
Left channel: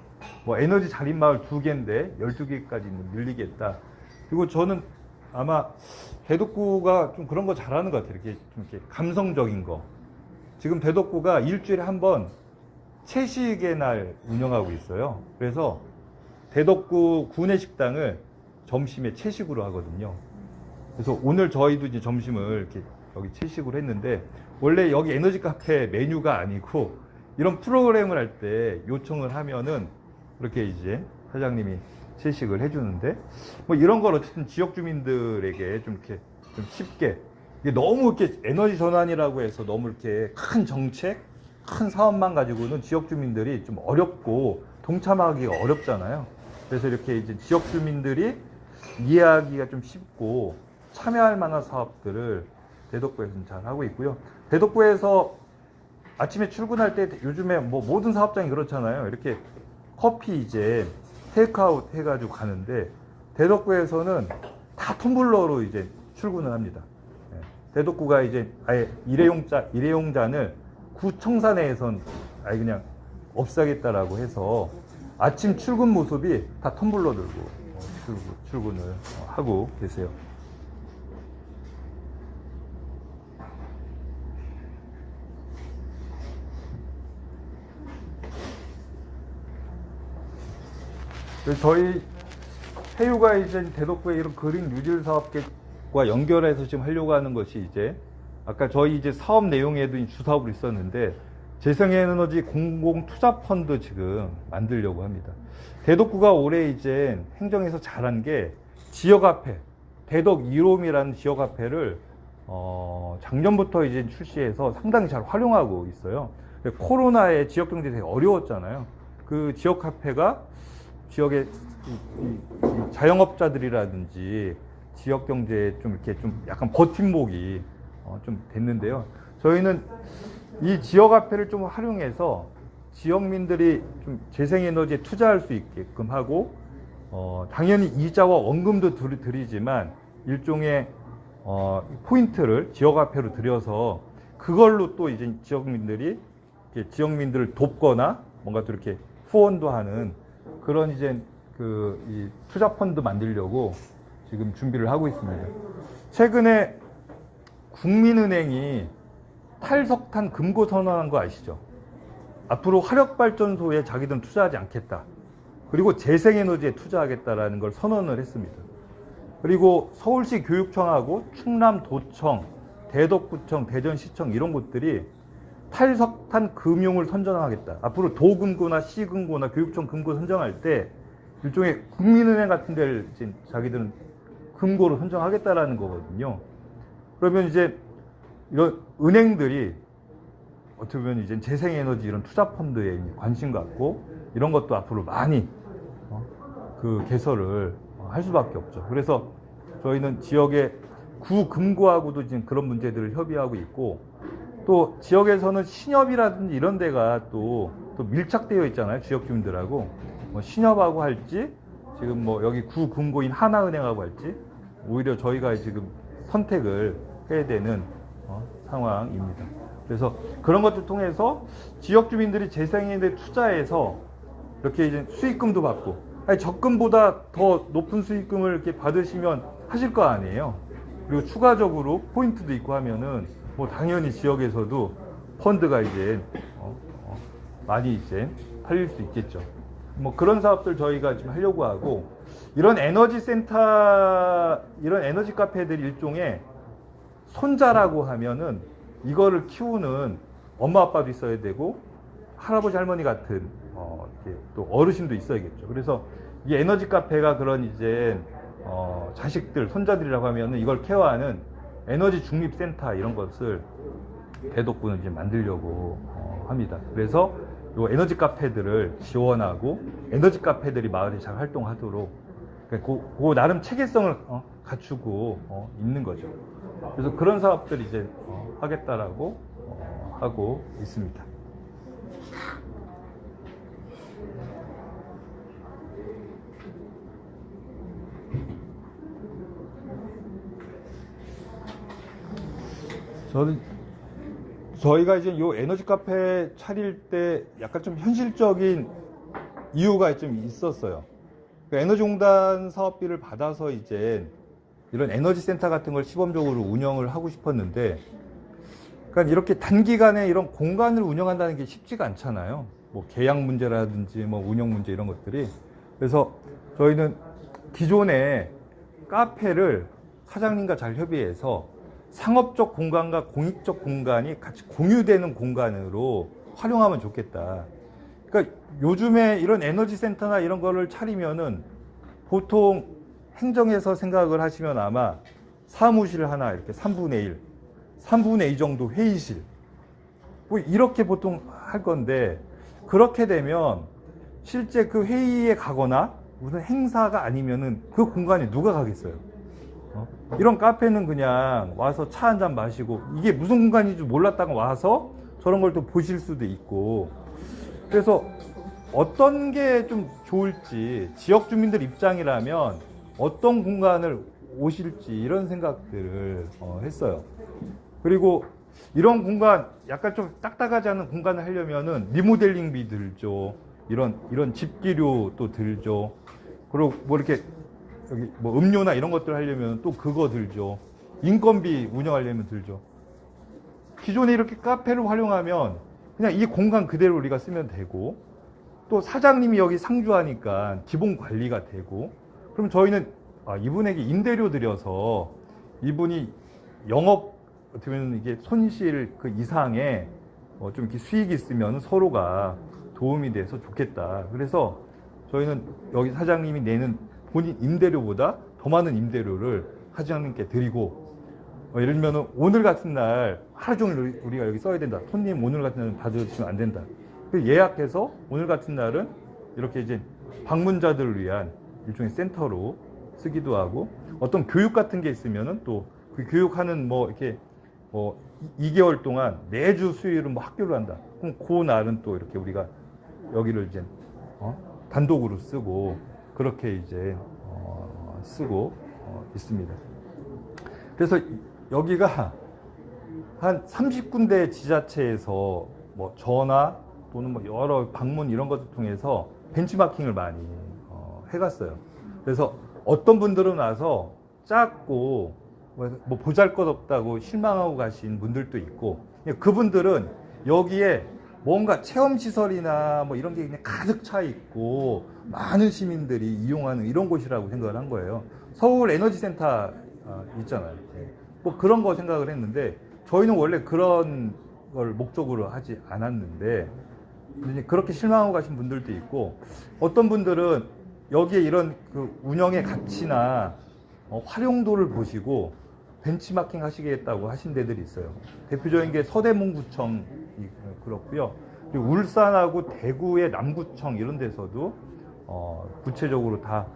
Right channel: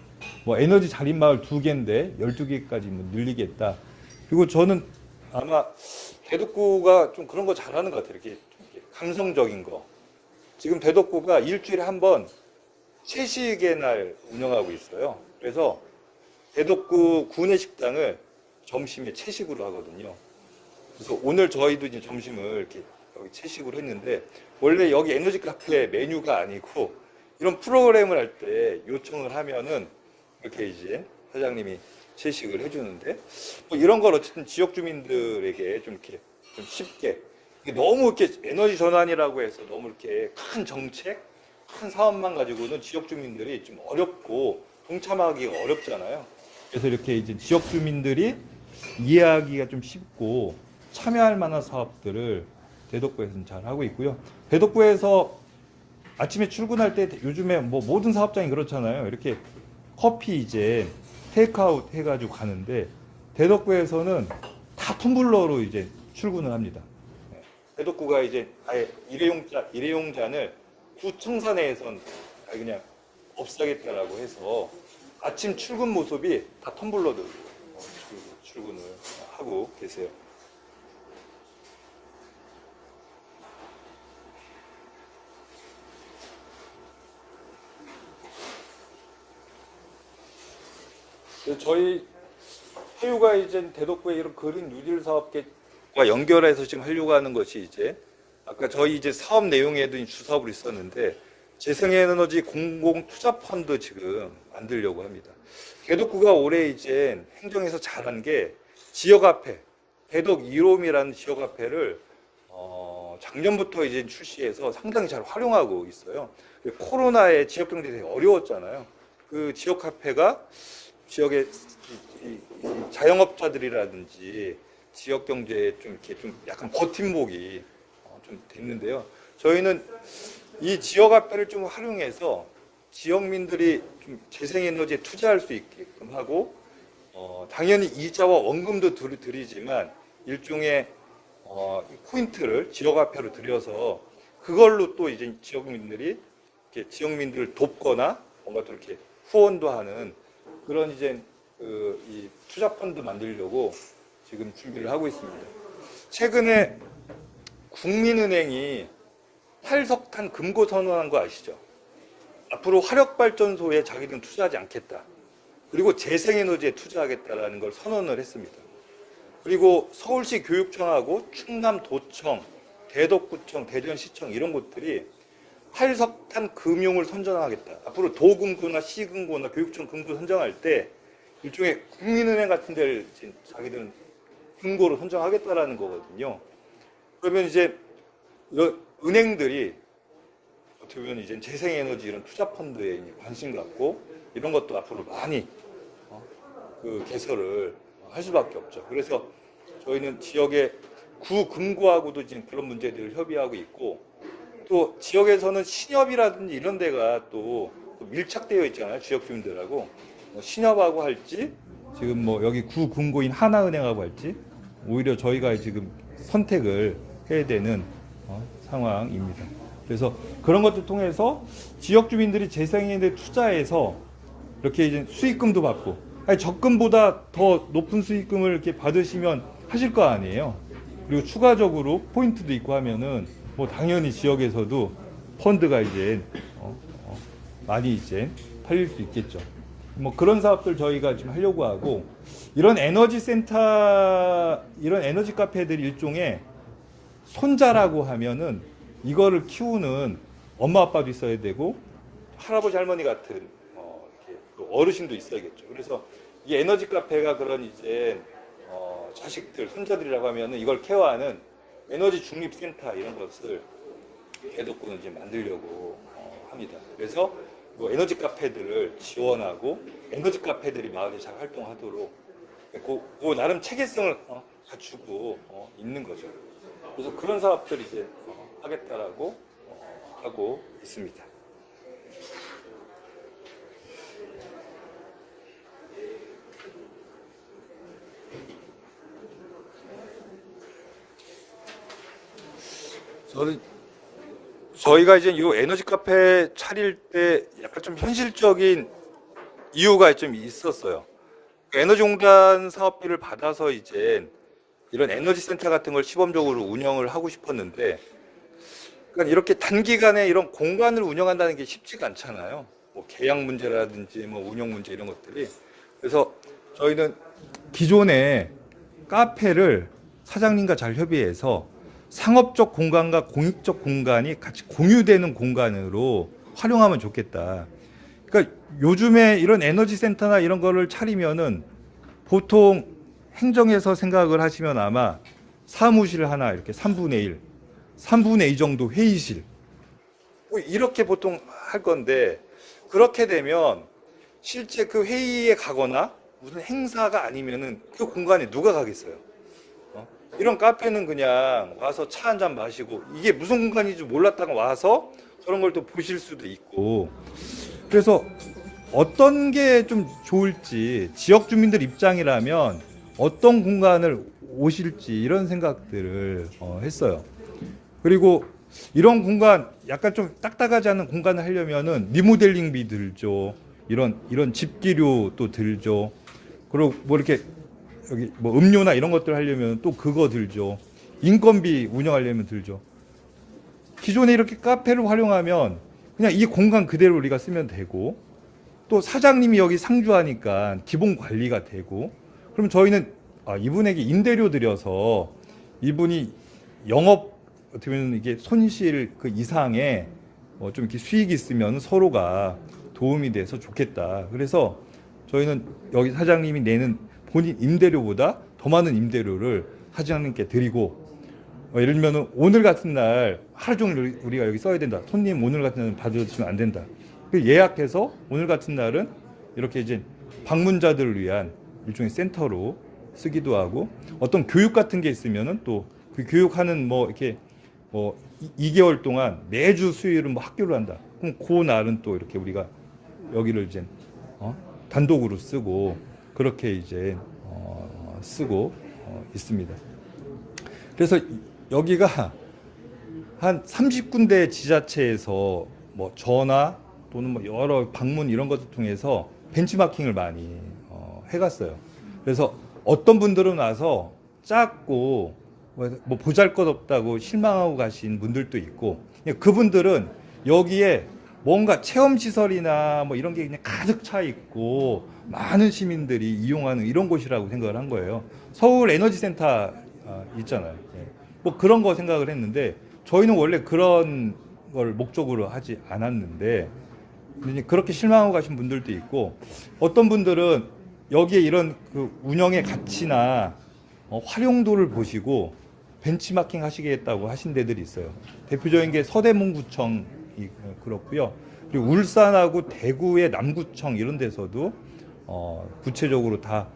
뭐 에너지 자립 마을 2개인데 12개까지 뭐 늘리겠다. 그리고 저는 아마 대덕구가 좀 그런 거 잘하는 것 같아요. 이렇게 좀 이렇게 감성적인 거. 지금 대덕구가 일주일에 한 번 채식의 날 운영하고 있어요. 그래서 대덕구 구내 식당을 점심에 채식으로 하거든요. 그래서 오늘 저희도 이제 점심을 이렇게 여기 채식으로 했는데, 원래 여기 에너지 카페 메뉴가 아니고 이런 프로그램을 할 때 요청을 하면은 그렇게 이제 사장님이 채식을 해주는데, 뭐 이런 걸 어쨌든 지역 주민들에게 좀 이렇게 좀 쉽게, 이게 너무 이렇게 에너지 전환이라고 해서 너무 이렇게 큰 정책, 큰 사업만 가지고는 지역 주민들이 좀 어렵고 동참하기가 어렵잖아요. 그래서 이렇게 이제 지역 주민들이 이해하기가 좀 쉽고 참여할 만한 사업들을 대덕구에서는 잘 하고 있고요. 대덕구에서 아침에 출근할 때 요즘에 뭐 모든 사업장이 그렇잖아요. 이렇게 커피 이제 테이크아웃 해가지고 가는데, 대덕구에서는 다 텀블러로 이제 출근을 합니다. 예. 대덕구가 이제 아예 일회용잔을 구청사 내에선 아예 그냥 없애겠다라고 해서 아침 출근 모습이 다 텀블러 들고 출근을 하고 계세요. 그래서 저희 해유가 이제 대덕구의 이런 그린 뉴딜 사업과 연결해서 지금 하려고 하는 것이 이제 아까 저희 이제 사업 내용에도 주사업을 있었는데 재생에너지 공공투자펀드 지금 만들려고 합니다. 대덕구가 올해 이제 행정에서 잘한 게 지역화폐, 대덕 이롬이라는 지역화폐를 작년부터 이제 출시해서 상당히 잘 활용하고 있어요. 코로나에 지역 경제 되게 어려웠잖아요. 그 지역화폐가 지역의 이 자영업자들이라든지 지역 경제에 좀 이렇게 좀 약간 버팀목이 좀 됐는데요. 저희는 이 지역 화폐를 좀 활용해서 지역민들이 좀 재생에너지에 투자할 수 있게끔 하고 당연히 이자와 원금도 드리지만 일종의 포인트를 지역 화폐로 들여서 그걸로 또 이제 지역민들이 이렇게 지역민들을 돕거나 뭔가 또 이렇게 후원도 하는 그런 이제 이 투자 펀드 만들려고 지금 준비를 하고 있습니다. 최근에 국민은행이 탈석탄 금고 선언한 거 아시죠? 앞으로 화력발전소에 자기들은 투자하지 않겠다. 그리고 재생에너지에 투자하겠다라는 걸 선언을 했습니다. 그리고 서울시 교육청하고 충남도청, 대덕구청, 대전시청 이런 곳들이 탈석탄 금융을 선정하겠다. 앞으로 도금고나 시금고나 교육청 금고 선정할 때 일종의 국민은행 같은 데를 자기들은 금고로 선정하겠다라는 거거든요. 그러면 이제 이런 은행들이 어떻게 보면 이제 재생에너지 이런 투자 펀드에 관심 갖고 이런 것도 앞으로 많이 그 개설을 할 수밖에 없죠. 그래서 저희는 지역의 구금고하고도 지금 그런 문제들을 협의하고 있고 또 지역에서는 신협이라든지 이런 데가 또 밀착되어 있잖아요. 지역 주민들하고 신협하고 할지 지금 여기 구금고인 하나은행하고 할지 오히려 저희가 지금 선택을 해야 되는 상황입니다. 그래서 그런 것들 통해서 지역 주민들이 재생에너지에 투자해서 이렇게 이제 수익금도 받고 적금보다 더 높은 수익금을 이렇게 받으시면 하실 거 아니에요. 그리고 추가적으로 포인트도 있고 하면은 당연히 지역에서도 펀드가 이제 많이 이제 팔릴 수 있겠죠. 그런 사업들 저희가 지금 하려고 하고 이런 에너지 센터, 이런 에너지 카페들이 일종의 손자라고 하면은 이거를 키우는 엄마 아빠도 있어야 되고 할아버지 할머니 같은 이렇게 또 어르신도 있어야겠죠. 그래서 이 에너지 카페가 그런 이제 자식들, 손자들이라고 하면은 이걸 케어하는 에너지 중립센터 이런 것을 대덕구는 이제 만들려고 합니다. 그래서 요 에너지 카페들을 지원하고 에너지 카페들이 마을에 잘 활동하도록 그 나름 체계성을 갖추고 있는 거죠. 그래서 그런 사업들 이제 하겠다라고 하고 있습니다. 저희가 이제 이 에너지 카페 차릴 때 약간 좀 현실적인 이유가 좀 있었어요. 에너지공단 사업비를 받아서 이제 이런 에너지 센터 같은 걸 시범적으로 운영을 하고 싶었는데, 그러니까 이렇게 단기간에 이런 공간을 운영한다는 게 쉽지가 않잖아요. 계약 문제라든지 운영 문제 이런 것들이. 그래서 저희는 기존에 카페를 사장님과 잘 협의해서 상업적 공간과 공익적 공간이 같이 공유되는 공간으로 활용하면 좋겠다. 그러니까 요즘에 이런 에너지 센터나 이런 거를 차리면은 보통 행정에서 생각을 하시면 아마 사무실 하나 이렇게 3분의 1, 3분의 2 정도 회의실 이렇게 보통 할 건데, 그렇게 되면 실제 그 회의에 가거나 무슨 행사가 아니면은 그 공간에 누가 가겠어요? 이런 카페는 그냥 와서 차 한 잔 마시고 이게 무슨 공간인지 몰랐다가 와서 저런 걸 또 보실 수도 있고, 그래서 어떤 게 좀 좋을지 지역 주민들 입장이라면 어떤 공간을 오실지 이런 생각들을 했어요. 그리고 이런 공간 약간 좀 딱딱하지 않은 공간을 하려면은 리모델링비 들죠. 이런 집기료도 들죠. 그리고 뭐 이렇게 여기 뭐 음료나 이런 것들 하려면 또 그거 들죠. 인건비 운영하려면 들죠. 기존에 이렇게 카페를 활용하면 그냥 이 공간 그대로 우리가 쓰면 되고, 또 사장님이 여기 상주하니까 기본 관리가 되고, 그럼 저희는 이분에게 임대료 들여서 이분이 영업 어떻게 보면 이게 손실 그 이상의 좀 이렇게 수익이 있으면 서로가 도움이 돼서 좋겠다. 그래서 저희는 여기 사장님이 내는 본인 임대료보다 더 많은 임대료를 사장님께 드리고, 예를 들면 오늘 같은 날 하루 종일 우리가 여기 써야 된다. 손님 오늘 같은 날은 받아주시면 안 된다. 예약해서 오늘 같은 날은 이렇게 이제 방문자들을 위한 일종의 센터로 쓰기도 하고, 어떤 교육 같은 게 있으면은 또 그 교육하는 뭐 이렇게 2개월 동안 매주 수요일은 뭐 학교를 한다. 그럼 그 날은 또 이렇게 우리가 여기를 이제 단독으로 쓰고 그렇게 이제 쓰고 있습니다. 그래서 여기가 한 30군데 지자체에서 뭐 전화 또는 뭐 여러 방문 이런 것을 통해서 벤치마킹을 많이 해갔어요. 그래서 어떤 분들은 와서 작고 뭐 보잘것없다고 실망하고 가신 분들도 있고, 그분들은 여기에 뭔가 체험시설이나 뭐 이런 게 그냥 가득 차 있고 많은 시민들이 이용하는 이런 곳이라고 생각을 한 거예요. 서울 에너지센터 있잖아요. 뭐 그런 거 생각을 했는데, 저희는 원래 그런 걸 목적으로 하지 않았는데 그렇게 실망하고 가신 분들도 있고, 어떤 분들은 여기에 이런 그 운영의 가치나 활용도를 보시고 벤치마킹 하시겠다고 하신 데들이 있어요. 대표적인 게 서대문구청이 그렇고요. 그리고 울산하고 대구의 남구청 이런 데서도 구체적으로 다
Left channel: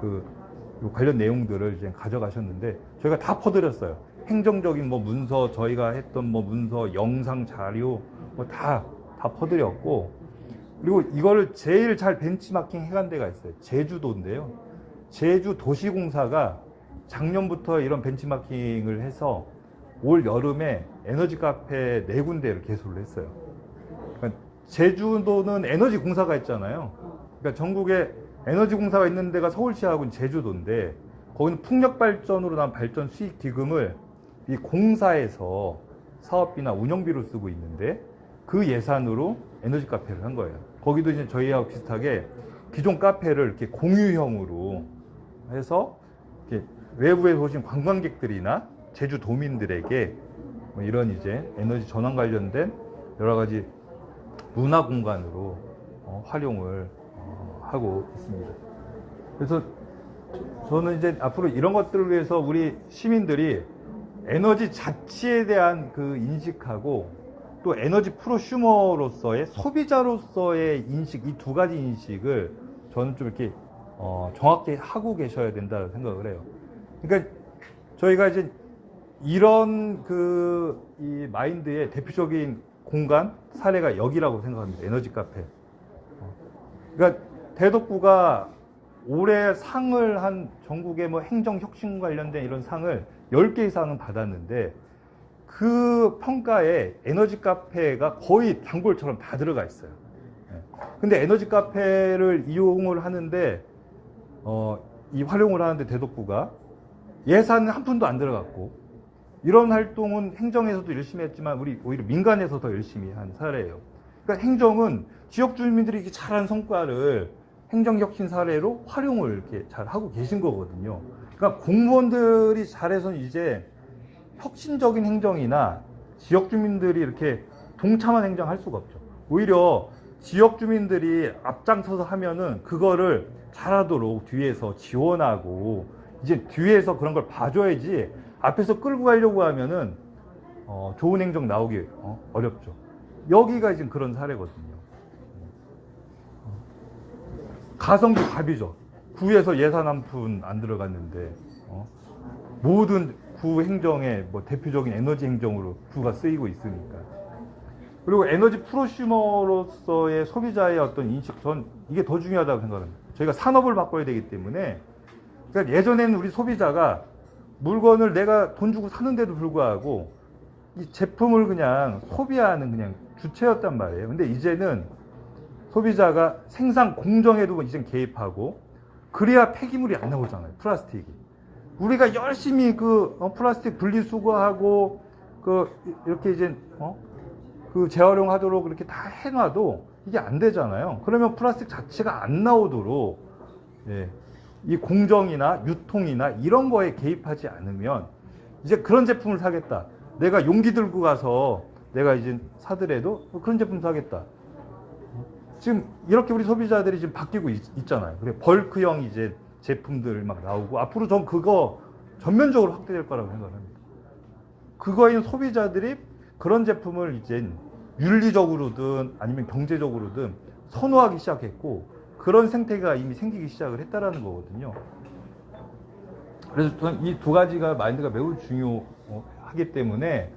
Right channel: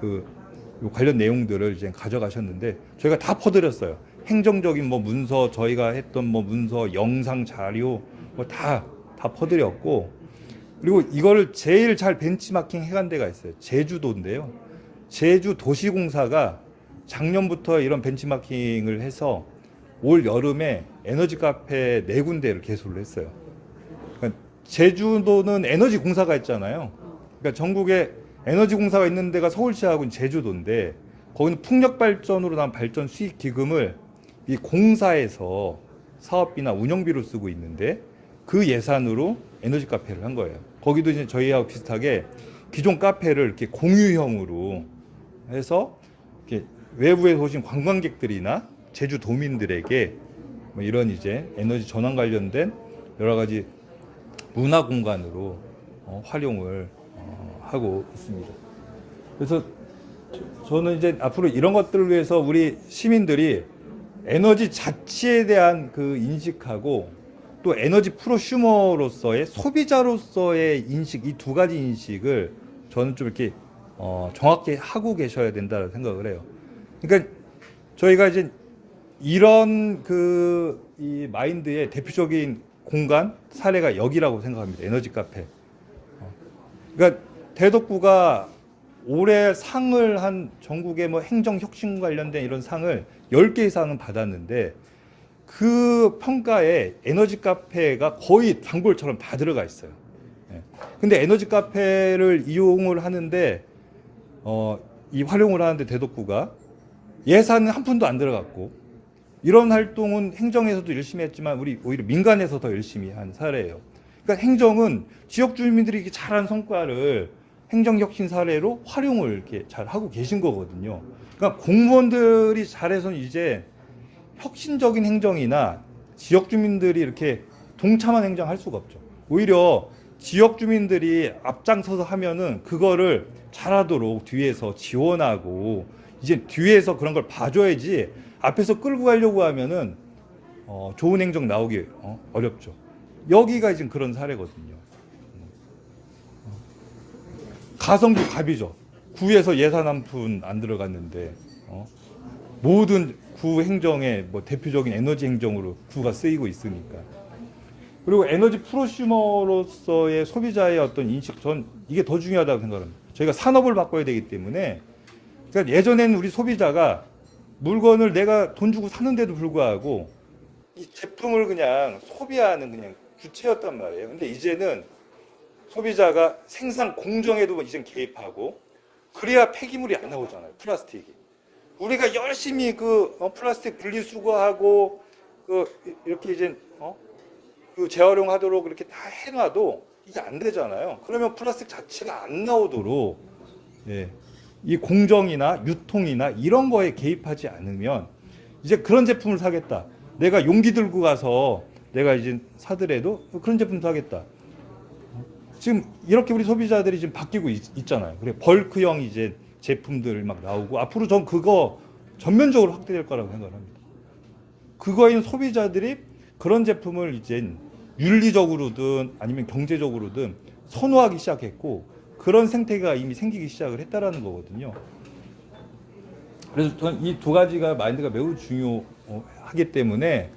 그 관련 내용들을 이제 가져가셨는데 저희가 다 퍼드렸어요. 행정적인 뭐 문서, 저희가 했던 뭐 문서, 영상 자료 뭐 다 퍼드렸고, 그리고 이거를 제일 잘 벤치마킹 해간 데가 있어요. 제주도인데요. 제주도시공사가 작년부터 이런 벤치마킹을 해서 올 여름에 에너지 카페 4군데를 개소를 했어요. 그러니까 제주도는 에너지 공사가 있잖아요. 그러니까 전국에 에너지 공사가 있는 데가 서울시하고는 제주도인데, 거기는 풍력 발전으로 난 발전 수익 기금을 이 공사에서 사업비나 운영비로 쓰고 있는데, 그 예산으로 에너지 카페를 한 거예요. 거기도 이제 저희하고 비슷하게 기존 카페를 이렇게 공유형으로 해서 이렇게 외부에서 오신 관광객들이나 제주도민들에게 뭐 이런 이제 에너지 전환 관련된 여러 가지 문화 공간으로 활용을 하고 있습니다. 그래서 저는 이제 앞으로 이런 것들을 위해서 우리 시민들이 에너지 자치에 대한 그 인식하고 또 에너지 프로슈머로서의 소비자로서의 인식, 이 두 가지 인식을 저는 좀 이렇게 정확히 하고 계셔야 된다고 생각을 해요. 그러니까 저희가 이제 이런 이 마인드의 대표적인 공간 사례가 여기라고 생각합니다. 에너지 카페. 그러니까 대덕구가 올해 상을 한 전국의 뭐 행정 혁신 관련된 이런 상을 10개 이상은 받았는데, 그 평가에 에너지 카페가 거의 단골처럼 다 들어가 있어요. 근데 에너지 카페를 이용을 하는데 이 활용을 하는데 대덕구가 예산은 한 푼도 안 들어갔고, 이런 활동은 행정에서도 열심히 했지만 우리 오히려 민간에서 더 열심히 한 사례예요. 그러니까 행정은 지역 주민들이 이렇게 잘한 성과를 행정혁신 사례로 활용을 이렇게 잘 하고 계신 거거든요. 그러니까 공무원들이 잘해서 이제 혁신적인 행정이나 지역 주민들이 이렇게 동참한 행정할 수가 없죠. 오히려 지역 주민들이 앞장서서 하면은 그거를 잘하도록 뒤에서 지원하고, 이제 뒤에서 그런 걸 봐줘야지 앞에서 끌고 가려고 하면은 좋은 행정 나오기 어렵죠. 여기가 지금 그런 사례거든요. 가성비 갑이죠. 구에서 예산 한 푼 안 들어갔는데 모든 구 행정의 뭐 대표적인 에너지 행정으로 구가 쓰이고 있으니까. 그리고 에너지 프로슈머로서의 소비자의 어떤 인식, 전 이게 더 중요하다고 생각합니다. 저희가 산업을 바꿔야 되기 때문에 그러니까 예전에는 우리 소비자가 물건을 내가 돈 주고 사는데도 불구하고 이 제품을 그냥 소비하는 그냥 주체였단 말이에요. 근데 이제는 소비자가 생산 공정에도 이제 개입하고 그래야 폐기물이 안 나오잖아요. 플라스틱이. 우리가 열심히 그 플라스틱 분리수거하고 그 이렇게 이제 그 재활용하도록 이렇게 다 해놔도 이게 안 되잖아요. 그러면 플라스틱 자체가 안 나오도록 예, 이 공정이나 유통이나 이런 거에 개입하지 않으면 이제 그런 제품을 사겠다. 내가 용기 들고 가서 내가 이제 사더라도 그런 제품 사겠다. 지금 이렇게 우리 소비자들이 지금 바뀌고 있잖아요. 그래 벌크형 이제 제품들 막 나오고 앞으로 전 그거 전면적으로 확대될 거라고 생각합니다. 그거인 소비자들이 그런 제품을 이제 윤리적으로든 아니면 경제적으로든 선호하기 시작했고 그런 생태가 이미 생기기 시작을 했다라는 거거든요. 그래서 저는 이 두 가지가 마인드가 매우 중요하기 때문에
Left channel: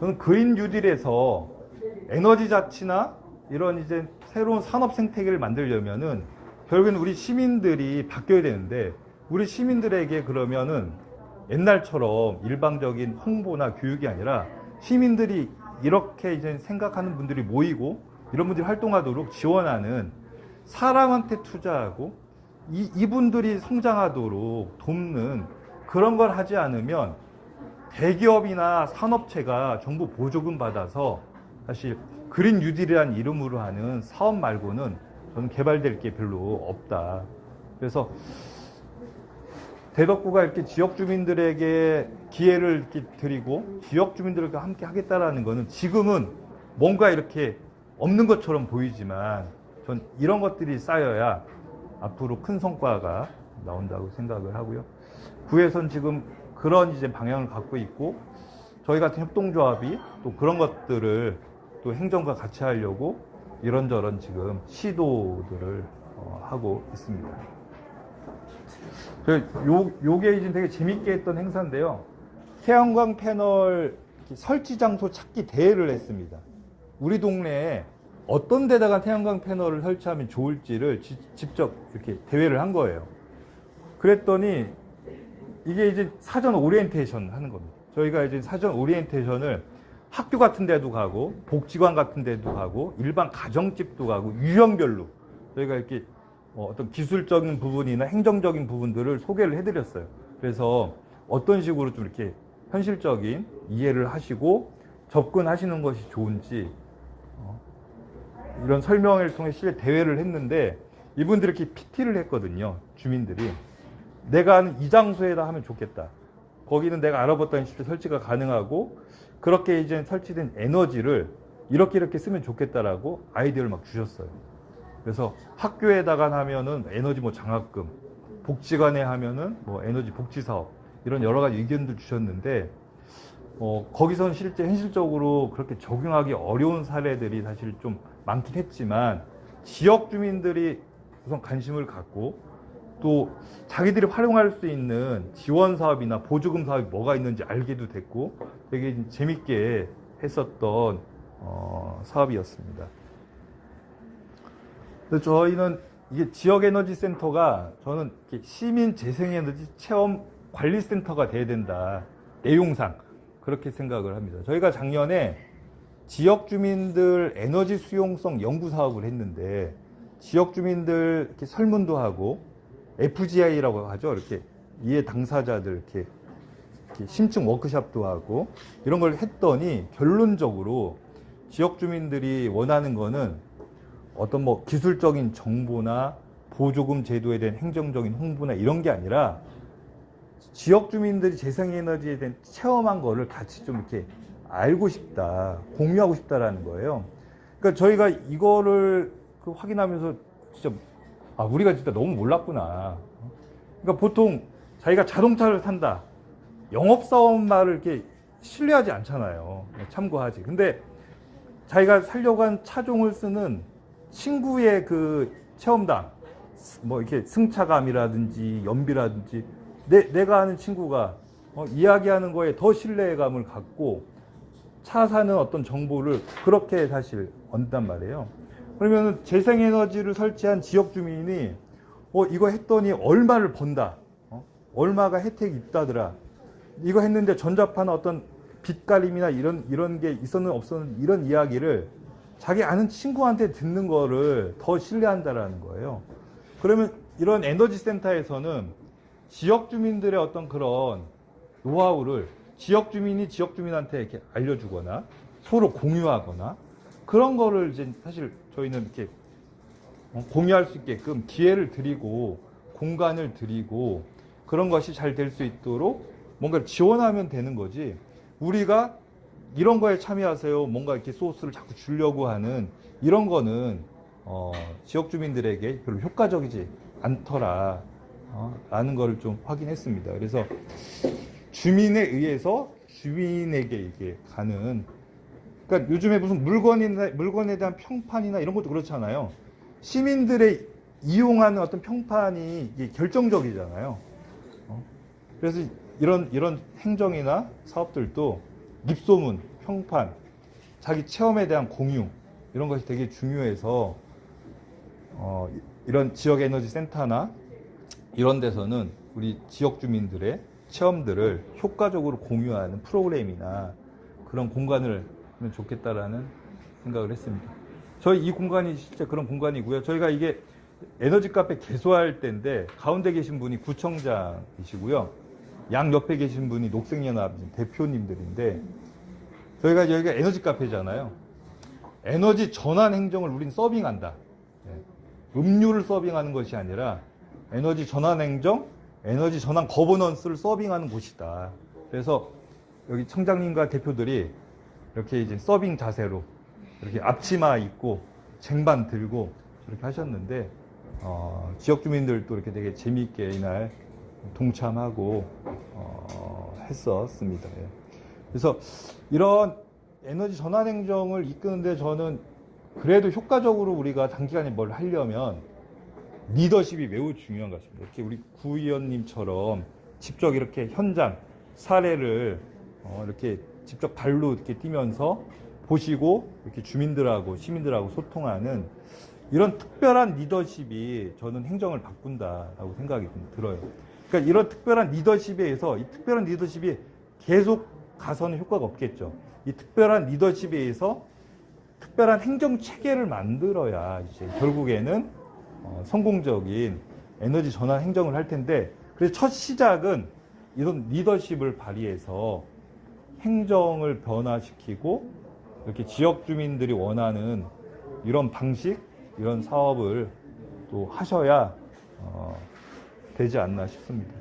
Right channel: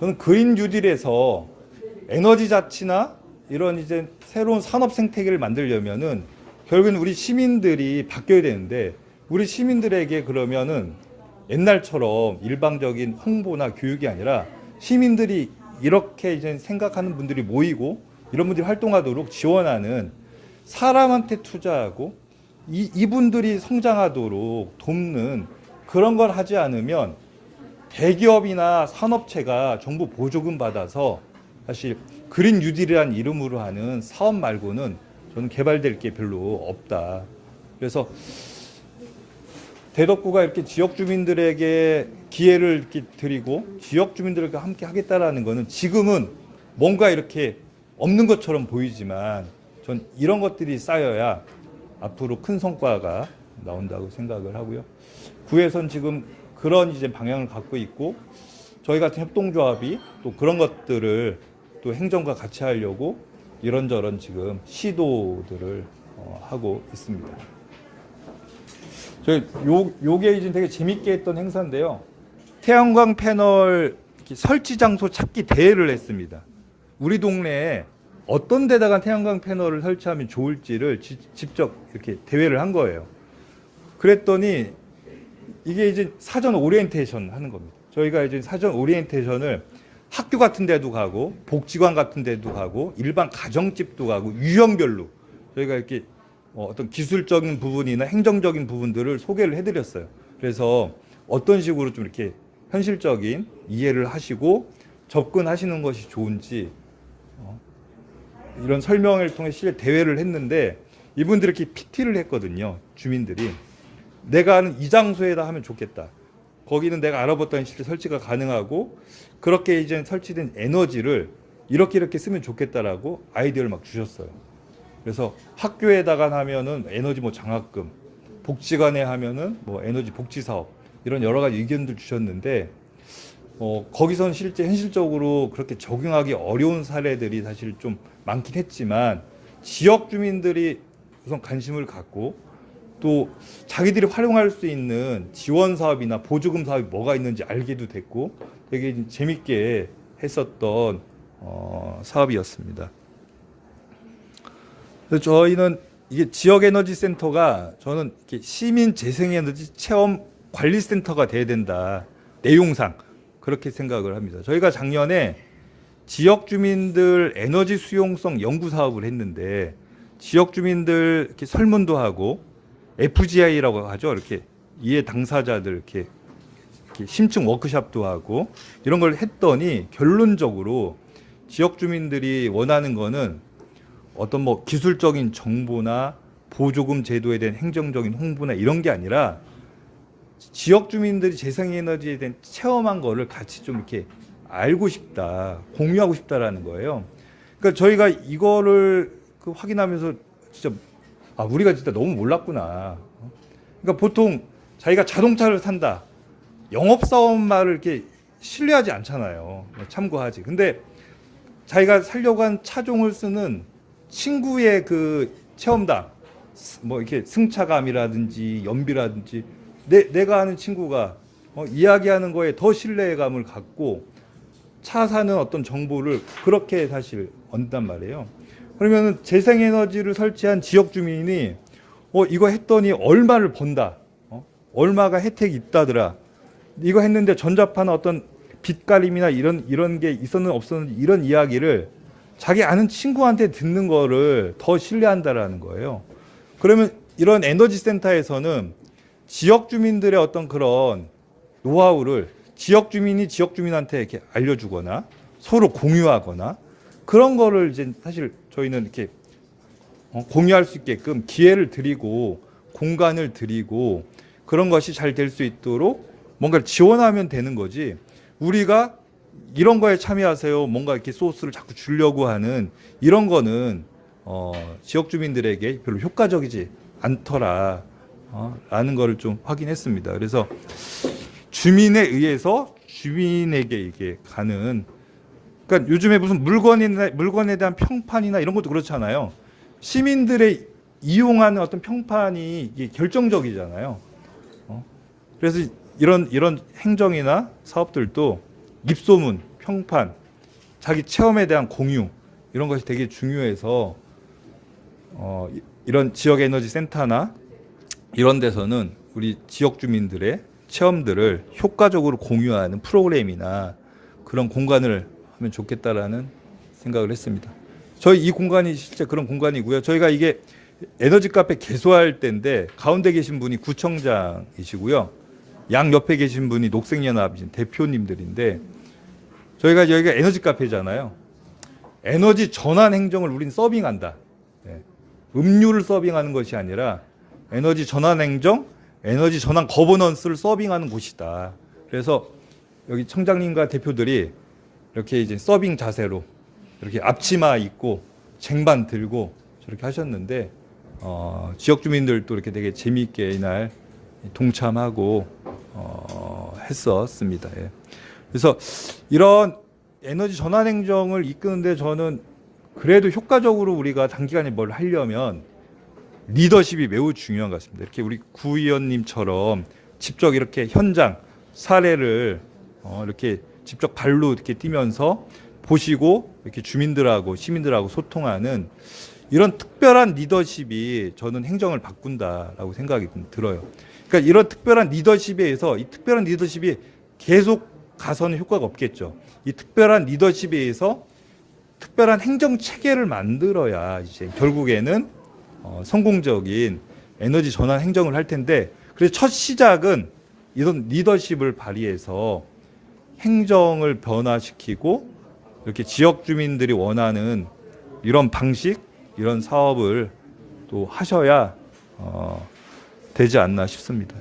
저는 그린 뉴딜에서 에너지 자치나 이런 이제 새로운 산업 생태계를 만들려면은 결국엔 우리 시민들이 바뀌어야 되는데 우리 시민들에게 그러면은 옛날처럼 일방적인 홍보나 교육이 아니라 시민들이 이렇게 이제 생각하는 분들이 모이고 이런 분들이 활동하도록 지원하는 사람한테 투자하고 이분들이 성장하도록 돕는 그런 걸 하지 않으면 대기업이나 산업체가 정부 보조금 받아서 사실 그린 뉴딜이라는 이름으로 하는 사업 말고는 저는 개발될 게 별로 없다. 그래서 대덕구가 이렇게 지역 주민들에게 기회를 이렇게 드리고 지역 주민들과 함께 하겠다라는 거는 지금은 뭔가 이렇게 없는 것처럼 보이지만 전 이런 것들이 쌓여야 앞으로 큰 성과가 나온다고 생각을 하고요. 구에선 지금 그런 이제 방향을 갖고 있고 저희 같은 협동조합이 또 그런 것들을 또 행정과 같이 하려고 이런저런 지금 시도들을 하고 있습니다. 요게 이제 되게 재밌게 했던 행사인데요. 태양광 패널 설치 장소 찾기 대회를 했습니다. 우리 동네에 어떤 데다가 태양광 패널을 설치하면 좋을지를 직접 이렇게 대회를 한 거예요. 그랬더니 이게 이제 사전 오리엔테이션 하는 겁니다. 저희가 이제 사전 오리엔테이션을 학교 같은 데도 가고 복지관 같은 데도 가고 일반 가정집도 가고 유형별로 저희가 이렇게 어떤 기술적인 부분이나 행정적인 부분들을 소개를 해드렸어요. 그래서 어떤 식으로 좀 이렇게 현실적인 이해를 하시고 접근하시는 것이 좋은지 이런 설명을 통해 실제 대회를 했는데 이분들이 이렇게 PT를 했거든요. 주민들이 내가 아는 이 장소에다 하면 좋겠다. 거기는 내가 알아봤더니 실제 설치가 가능하고 그렇게 이제 설치된 에너지를 이렇게 쓰면 좋겠다라고 아이디어를 막 주셨어요. 그래서 학교에다가 하면은 에너지 뭐 장학금, 복지관에 하면은 뭐 에너지 복지 사업 이런 여러 가지 의견들 주셨는데 거기서는 실제 현실적으로 그렇게 적용하기 어려운 사례들이 사실 좀 많긴 했지만 지역 주민들이 우선 관심을 갖고 또 자기들이 활용할 수 있는 지원 사업이나 보조금 사업이 뭐가 있는지 알게도 됐고 되게 재밌게 했었던 사업이었습니다. 그래서 저희는 이게 지역에너지센터가 저는 이렇게 시민 재생에너지 체험 관리센터가 돼야 된다. 내용상 그렇게 생각을 합니다. 저희가 작년에 지역 주민들 에너지 수용성 연구 사업을 했는데 지역 주민들 이렇게 설문도 하고 FGI라고 하죠. 이렇게 이해 당사자들 이렇게 심층 워크숍도 하고 이런 걸 했더니 결론적으로 지역 주민들이 원하는 거는 어떤 뭐 기술적인 정보나 보조금 제도에 대한 행정적인 홍보나 이런 게 아니라 지역 주민들이 재생에너지에 대한 체험한 거를 같이 좀 이렇게 알고 싶다, 공유하고 싶다라는 거예요. 그러니까 저희가 이거를 확인하면서 진짜 우리가 진짜 너무 몰랐구나. 그러니까 보통 자기가 자동차를 산다, 영업사원 말을 이렇게 신뢰하지 않잖아요. 참고하지. 근데 자기가 살려고 한 차종을 쓰는 친구의 그 체험담, 뭐 이렇게 승차감이라든지 연비라든지 내가 아는 친구가 이야기하는 거에 더 신뢰감을 갖고 차 사는 어떤 정보를 그렇게 사실 얻는단 말이에요. 그러면 재생에너지를 설치한 지역 주민이 이거 했더니 얼마를 번다. 얼마가 혜택이 있다더라. 이거 했는데 전자파나 어떤 빛가림이나 이런 게 있었는 없었는 이런 이야기를 자기 아는 친구한테 듣는 거를 더 신뢰한다라는 거예요. 그러면 이런 에너지 센터에서는 지역 주민들의 어떤 그런 노하우를 지역 주민이 지역 주민한테 이렇게 알려주거나 서로 공유하거나 그런 거를 이제 사실 저희는 이렇게 공유할 수 있게끔 기회를 드리고 공간을 드리고 그런 것이 잘 될 수 있도록 뭔가를 지원하면 되는 거지. 우리가 이런 거에 참여하세요. 뭔가 이렇게 소스를 자꾸 주려고 하는 이런 거는 지역 주민들에게 별로 효과적이지 않더라. 라는 거를 좀 확인했습니다. 그래서 주민에 의해서 주민에게 이게 가는 그러니까 요즘에 무슨 물건에 대한 평판이나 이런 것도 그렇잖아요. 시민들의 이용하는 어떤 평판이 이게 결정적이잖아요. 그래서 이런 행정이나 사업들도 입소문, 평판, 자기 체험에 대한 공유 이런 것이 되게 중요해서 이런 지역 에너지 센터나 이런 데서는 우리 지역 주민들의 체험들을 효과적으로 공유하는 프로그램이나 그런 공간을 하면 좋겠다라는 생각을 했습니다. 저희 이 공간이 실제 그런 공간이고요. 저희가 이게 에너지 카페 개소할 때인데 가운데 계신 분이 구청장이시고요. 양 옆에 계신 분이 녹색연합 대표님들인데 저희가 여기가 에너지 카페잖아요. 에너지 전환 행정을 우린 서빙한다. 음료를 서빙하는 것이 아니라 에너지 전환 행정, 에너지 전환 거버넌스를 서빙하는 곳이다. 그래서 여기 청장님과 대표들이 이렇게 이제 서빙 자세로 이렇게 앞치마 입고 쟁반 들고 저렇게 하셨는데 지역 주민들도 이렇게 되게 재미있게 이날 동참하고 했었습니다. 예. 그래서 이런 에너지 전환 행정을 이끄는데 저는 그래도 효과적으로 우리가 단기간에 뭘 하려면 리더십이 매우 중요한 것 같습니다. 이렇게 우리 구의원님처럼 직접 이렇게 현장 사례를 이렇게 직접 발로 이렇게 뛰면서 보시고 이렇게 주민들하고 시민들하고 소통하는 이런 특별한 리더십이 저는 행정을 바꾼다라고 생각이 들어요. 그러니까 이런 특별한 리더십에 의해서 이 특별한 리더십이 계속 가서는 효과가 없겠죠. 이 특별한 리더십에 의해서 특별한 행정 체계를 만들어야 이제 결국에는 성공적인 에너지 전환 행정을 할 텐데 그래서 첫 시작은 이런 리더십을 발휘해서 행정을 변화시키고 이렇게 지역 주민들이 원하는 이런 방식, 이런 사업을 또 하셔야 되지 않나 싶습니다.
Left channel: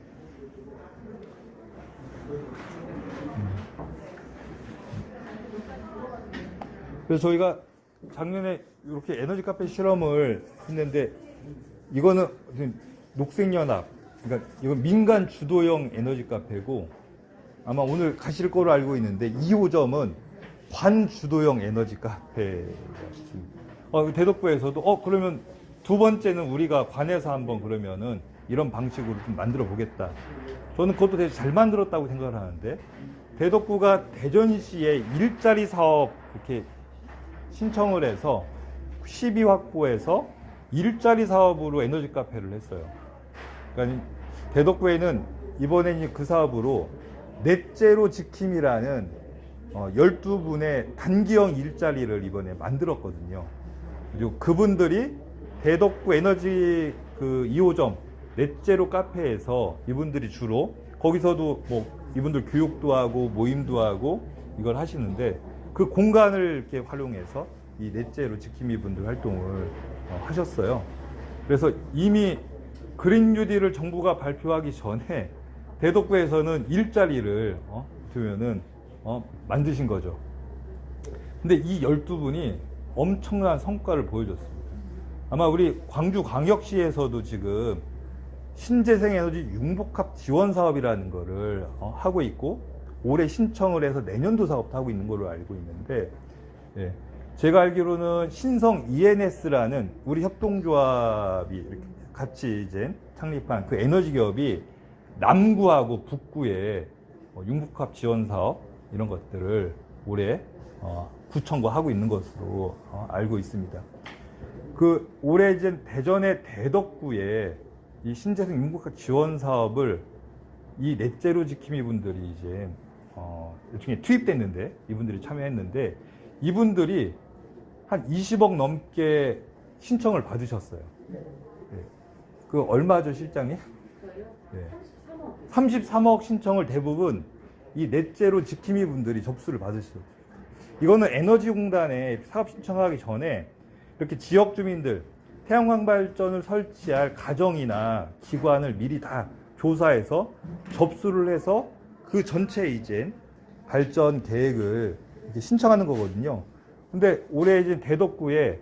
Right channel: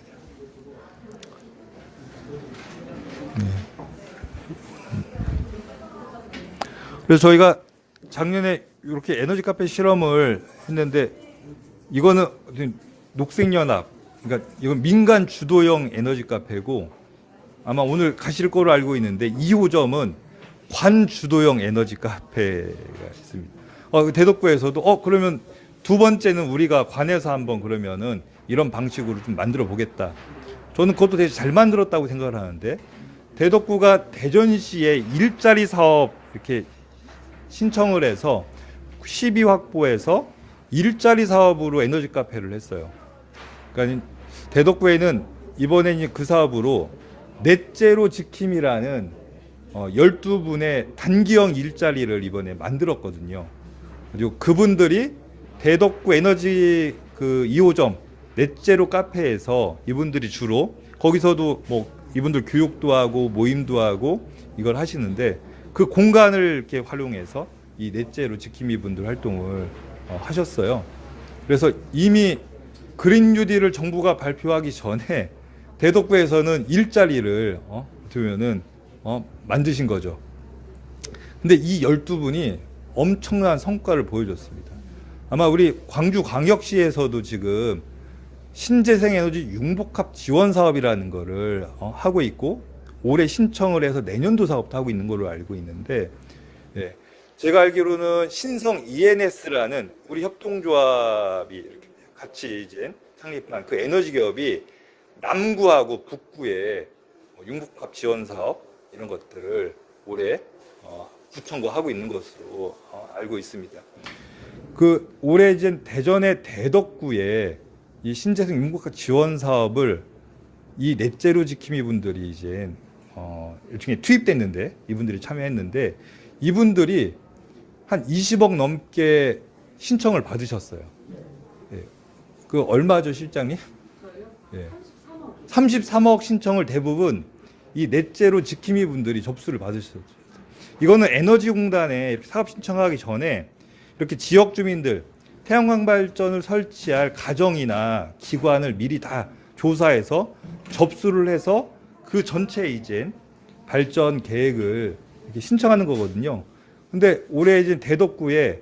그래서 저희가 작년에 이렇게 에너지 카페 실험을 했는데 이거는 녹색연합, 그러니까 이건 민간 주도형 에너지 카페고 아마 오늘 가실 거로 알고 있는데 2호점은 관주도형 에너지 카페가 있습니다. 대덕구에서도 그러면 두 번째는 우리가 관에서 한번 그러면은 이런 방식으로 좀 만들어 보겠다. 저는 그것도 되게 잘 만들었다고 생각을 하는데 대덕구가 대전시에 일자리 사업 이렇게 신청을 해서 시비 확보해서 일자리 사업으로 에너지 카페를 했어요. 그러니까 대덕구에는 이번에 그 사업으로 넷제로 지킴이라는 12분의 단기형 일자리를 이번에 만들었거든요. 그리고 그분들이 대덕구 에너지 그 2호점 넷제로 카페에서 이분들이 주로 거기서도 뭐 이분들 교육도 하고 모임도 하고 이걸 하시는데 그 공간을 이렇게 활용해서 이 넷제로 지킴이 분들 활동을 하셨어요. 그래서 이미 그린 뉴딜을 정부가 발표하기 전에 대덕구에서는 일자리를 두면은 만드신 거죠. 근데 이 12분이 엄청난 성과를 보여줬습니다. 아마 우리 광주광역시에서도 지금 신재생 에너지 융복합 지원 사업이라는 거를 하고 있고 올해 신청을 해서 내년도 사업도 하고 있는 걸로 알고 있는데 예, 제가 알기로는 신성 ENS라는 우리 협동조합이 이렇게 같이 이제 창립한 그 에너지 기업이 남구하고 북구에 융복합 지원 사업 이런 것들을 올해 구청과 하고 있는 것으로 알고 있습니다. 그 올해 이제 대전의 대덕구에 이 신재생 융복합 지원 사업을 이 넷제로 지킴이 분들이 이제 일종의 투입됐는데 이분들이 참여했는데 이분들이 한 20억 넘게 신청을 받으셨어요. 예. 그 얼마죠, 실장님? 예. 33억 신청을 대부분 이 넷제로 지킴이 분들이 접수를 받으셨죠. 이거는 에너지공단에 사업 신청하기 전에 이렇게 지역 주민들 태양광 발전을 설치할 가정이나 기관을 미리 다 조사해서 접수를 해서 그 전체 이제 발전 계획을 이렇게 신청하는 거거든요. 근데 올해 이제 대덕구에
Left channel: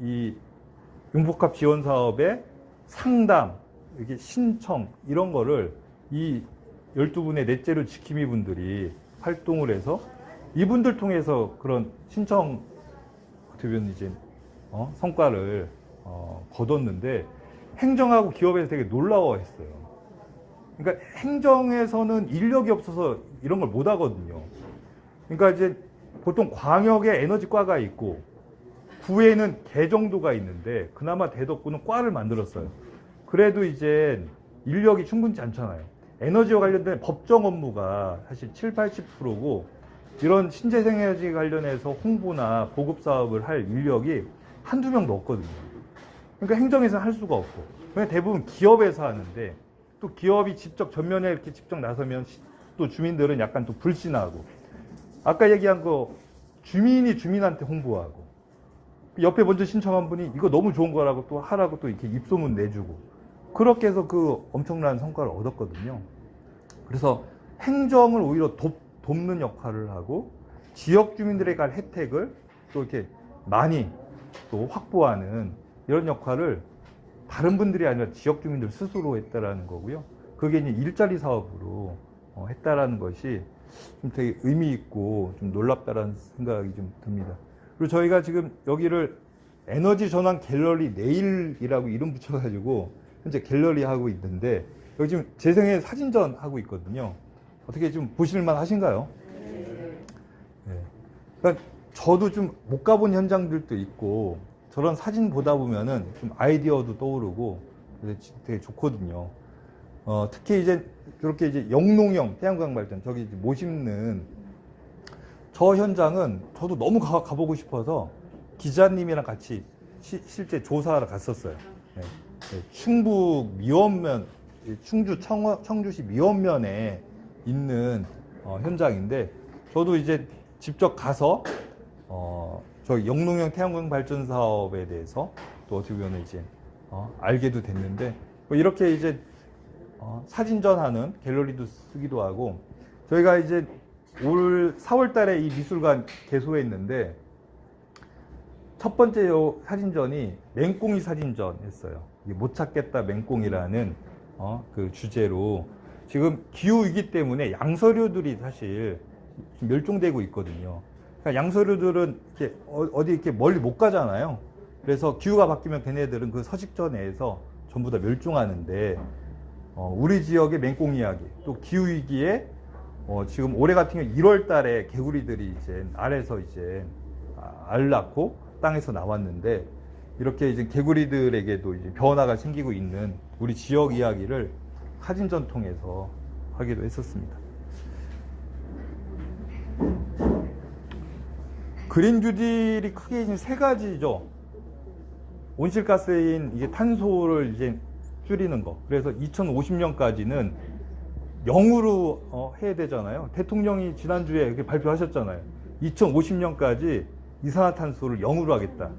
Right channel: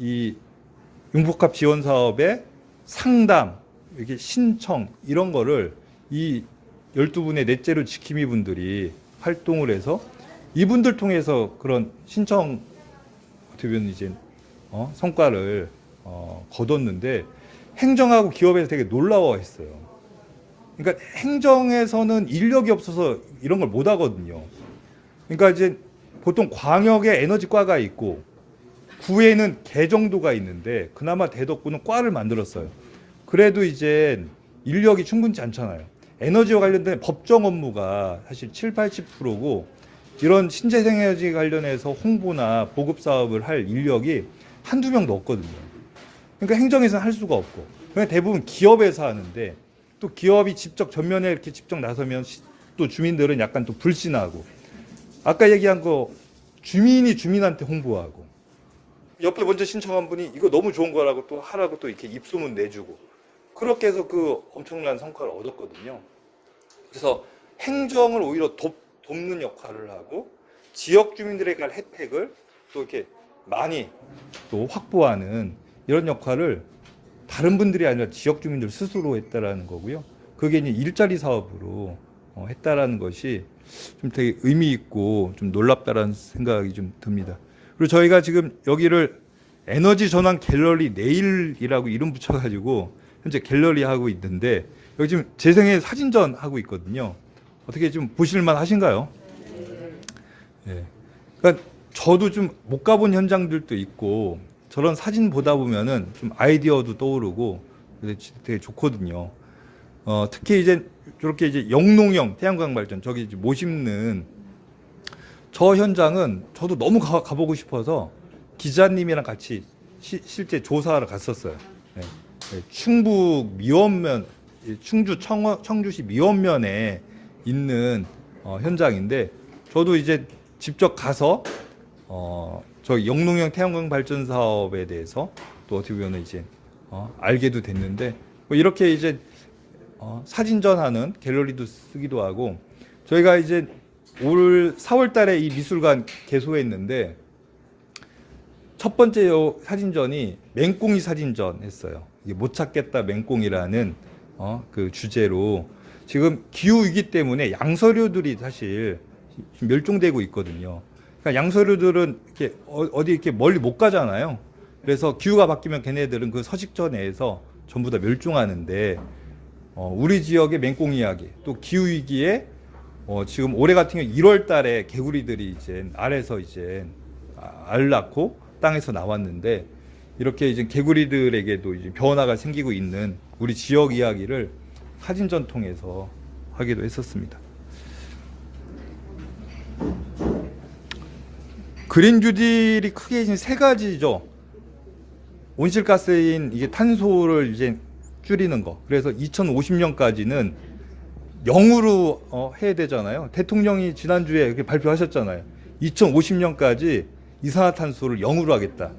이 융복합 지원 사업의 상담, 이렇게 신청 이런 거를 이 12분의 넷제로 지킴이 분들이 활동을 해서 이분들 통해서 그런 신청 어떻게 보면 이제 성과를 거뒀는데 행정하고 기업에서 되게 놀라워했어요. 그러니까 행정에서는 인력이 없어서 이런 걸 못 하거든요. 그러니까 이제 보통 광역에 에너지과가 있고 구에는 개정도가 있는데 그나마 대덕구는 과를 만들었어요. 그래도 이제 인력이 충분치 않잖아요. 에너지와 관련된 법정 업무가 사실 7~80%고 이런 신재생 에너지 관련해서 홍보나 보급 사업을 할 인력이 한두 명도 없거든요. 그러니까 행정에서는 할 수가 없고 그냥 대부분 기업에서 하는데 또 기업이 직접 전면에 이렇게 직접 나서면 또 주민들은 약간 또 불신하고 아까 얘기한 거 주민이 주민한테 홍보하고 옆에 먼저 신청한 분이 이거 너무 좋은 거라고 또 하라고 또 이렇게 입소문 내주고 그렇게 해서 그 엄청난 성과를 얻었거든요. 그래서 행정을 오히려 돕는 역할을 하고 지역 주민들에게 갈 혜택을 또 이렇게 많이 또 확보하는 이런 역할을 다른 분들이 아니라 지역 주민들 스스로 했다라는 거고요. 그게 이제 일자리 사업으로 했다라는 것이 좀 되게 의미 있고 좀 놀랍다라는 생각이 좀 듭니다. 그리고 저희가 지금 여기를 에너지 전환 갤러리 내일이라고 이름 붙여가지고 현재 갤러리 하고 있는데 여기 지금 재생의 사진전 하고 있거든요. 어떻게 좀 보실만 하신가요? 네. 그러니까 저도 좀 못 가본 현장들도 있고 저런 사진 보다 보면은 좀 아이디어도 떠오르고 되게 좋거든요. 특히 이제 저렇게 이제 영농형 태양광 발전 저기 이제 못 심는 저 현장은 저도 너무 가보고 싶어서 기자님이랑 같이 실제 조사하러 갔었어요. 네. 네. 충북 미원면 충주 청주시 미원면에 있는 현장인데 저도 이제 직접 가서 저 영농형 태양광 발전 사업에 대해서 또 어떻게 보면 이제 알게도 됐는데 뭐 이렇게 이제 사진전하는 갤러리도 쓰기도 하고 저희가 이제 올 4월달에 이 미술관 개소했는데 첫 번째 사진전이 맹꽁이 사진전 했어요. 이게 못 찾겠다 맹꽁이라는 그 주제로 지금 기후 위기 때문에 양서류들이 사실 멸종되고 있거든요. 그러니까 양서류들은 이렇게 어디 이렇게 멀리 못 가잖아요. 그래서 기후가 바뀌면 걔네들은 그 서식처 내에서 전부 다 멸종하는데 우리 지역의 맹꽁이 이야기 또 기후 위기에 지금 올해 같은 경우 1월 달에 개구리들이 이제 알에서 이제 알 낳고 땅에서 나왔는데 이렇게 이제 개구리들에게도 이제 변화가 생기고 있는 우리 지역 이야기를 사진전 통해서 하기도 했었습니다. 그린 뉴딜이 크게 이제 세 가지죠. 온실가스인 이게 탄소를 이제 줄이는 거. 그래서 2050년까지는 0으로 해야 되잖아요. 대통령이 지난주에 이렇게 발표하셨잖아요. 2050년까지 이산화탄소를 0으로 하겠다.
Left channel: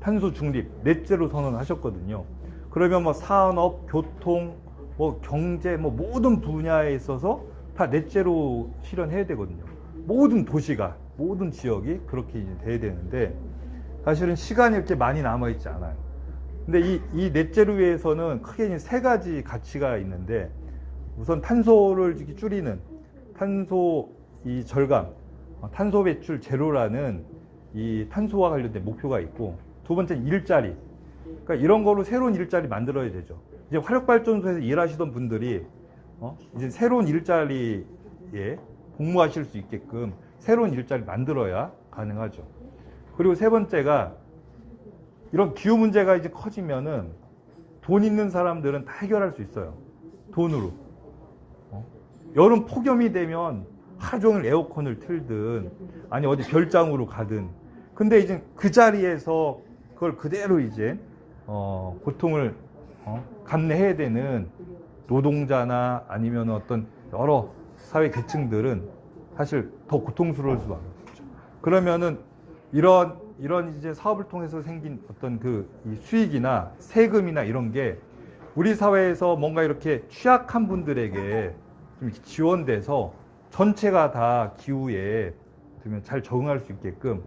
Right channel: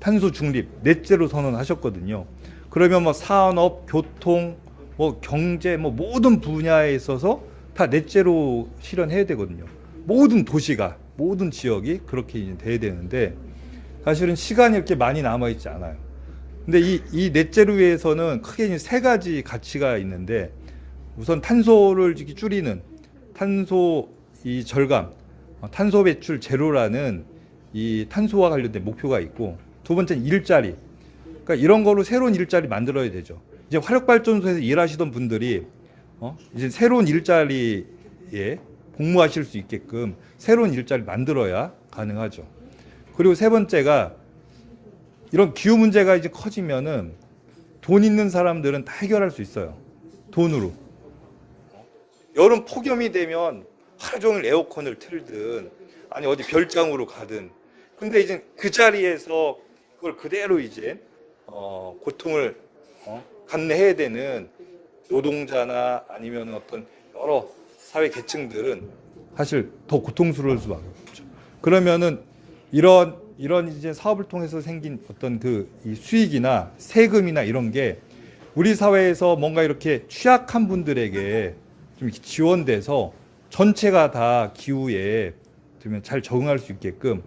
탄소 중립, 넷제로 선언하셨거든요. 그러면 뭐 산업, 교통, 뭐 경제, 뭐 모든 분야에 있어서 다 넷제로 실현해야 되거든요. 모든 도시가, 모든 지역이 그렇게 이제 돼야 되는데 사실은 시간이 이렇게 많이 남아 있지 않아요. 근데 이 넷제로에서는 크게 이제 세 가지 가치가 있는데 우선 탄소를 줄이는 탄소 이 절감, 탄소 배출 제로라는 이 탄소와 관련된 목표가 있고 두 번째는 일자리. 그러니까 이런 거로 새로운 일자리 만들어야 되죠. 이제 화력발전소에서 일하시던 분들이 이제 새로운 일자리에 복무하실 수 있게끔 새로운 일자리 만들어야 가능하죠. 그리고 세 번째가 이런 기후 문제가 이제 커지면은 돈 있는 사람들은 다 해결할 수 있어요. 돈으로. 여름 폭염이 되면 하루 종일 에어컨을 틀든 아니 어디 별장으로 가든 근데 이제 그 자리에서 그걸 그대로 이제 고통을 감내해야 되는 노동자나 아니면 어떤 여러 사회 계층들은 사실 더 고통스러울 수밖에 없죠. 그러면은 이런 이제 사업을 통해서 생긴 어떤 그 이 수익이나 세금이나 이런 게 우리 사회에서 뭔가 이렇게 취약한 분들에게 좀 지원돼서 전체가 다 기후에 들면 잘 적응할 수 있게끔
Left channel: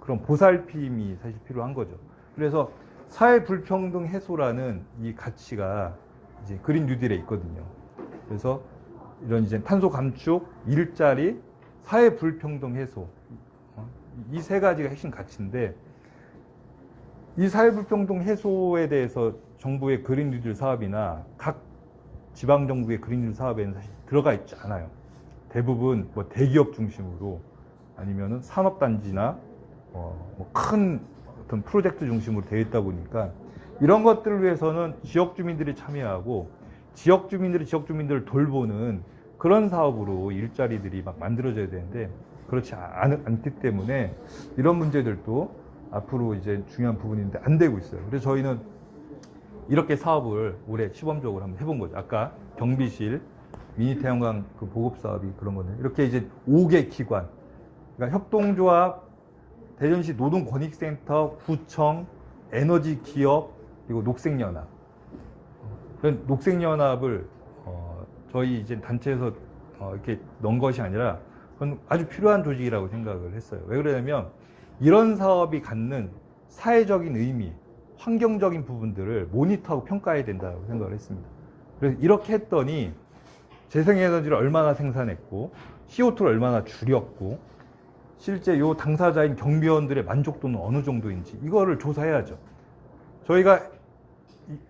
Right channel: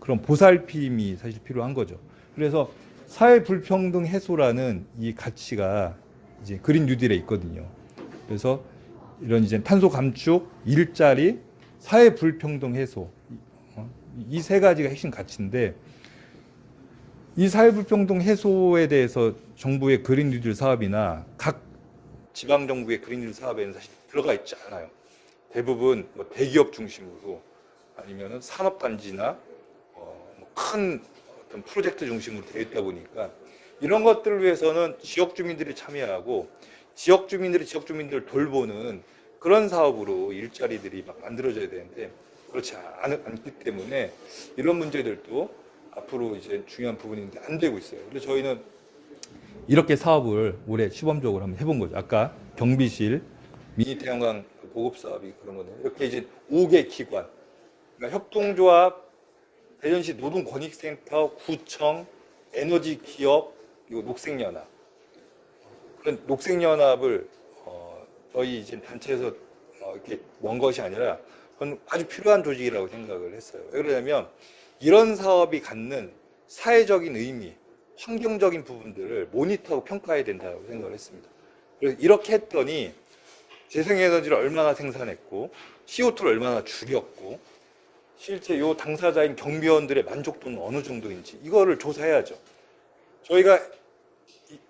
그런 보살핌이 사실 필요한 거죠. 그래서 사회 불평등 해소라는 이 가치가 이제 그린 뉴딜에 있거든요. 그래서 이런 이제 탄소 감축, 일자리, 사회 불평등 해소 이 세 가지가 핵심 가치인데 이 사회 불평등 해소에 대해서 정부의 그린 뉴딜 사업이나 각 지방 정부의 그린 뉴딜 사업에는 사실 들어가 있지 않아요. 대부분 뭐 대기업 중심으로 아니면은 산업단지나 큰 어떤 프로젝트 중심으로 되어 있다 보니까 이런 것들을 위해서는 지역 주민들이 참여하고 지역 주민들이 지역 주민들을 돌보는 그런 사업으로 일자리들이 막 만들어져야 되는데 그렇지 않기 때문에 이런 문제들도 앞으로 이제 중요한 부분인데 안 되고 있어요. 그래서 저희는 이렇게 사업을 올해 시범적으로 한번 해본 거죠. 아까 경비실, 미니 태양광 그 보급 사업이 그런 거네. 이렇게 이제 5개 기관, 그러니까 협동조합, 대전시 노동권익센터, 구청, 에너지 기업 그리고 녹색연합. 그런 녹색연합을 저희 이제 단체에서 이렇게 넣은 것이 아니라 그건 아주 필요한 조직이라고 생각을 했어요. 왜 그러냐면 이런 사업이 갖는 사회적인 의미, 환경적인 부분들을 모니터하고 평가해야 된다고 생각을 했습니다. 그래서 이렇게 했더니 재생에너지를 얼마나 생산했고 CO2를 얼마나 줄였고 실제 요 당사자인 경비원들의 만족도는 어느 정도인지 이거를 조사해야죠. 저희가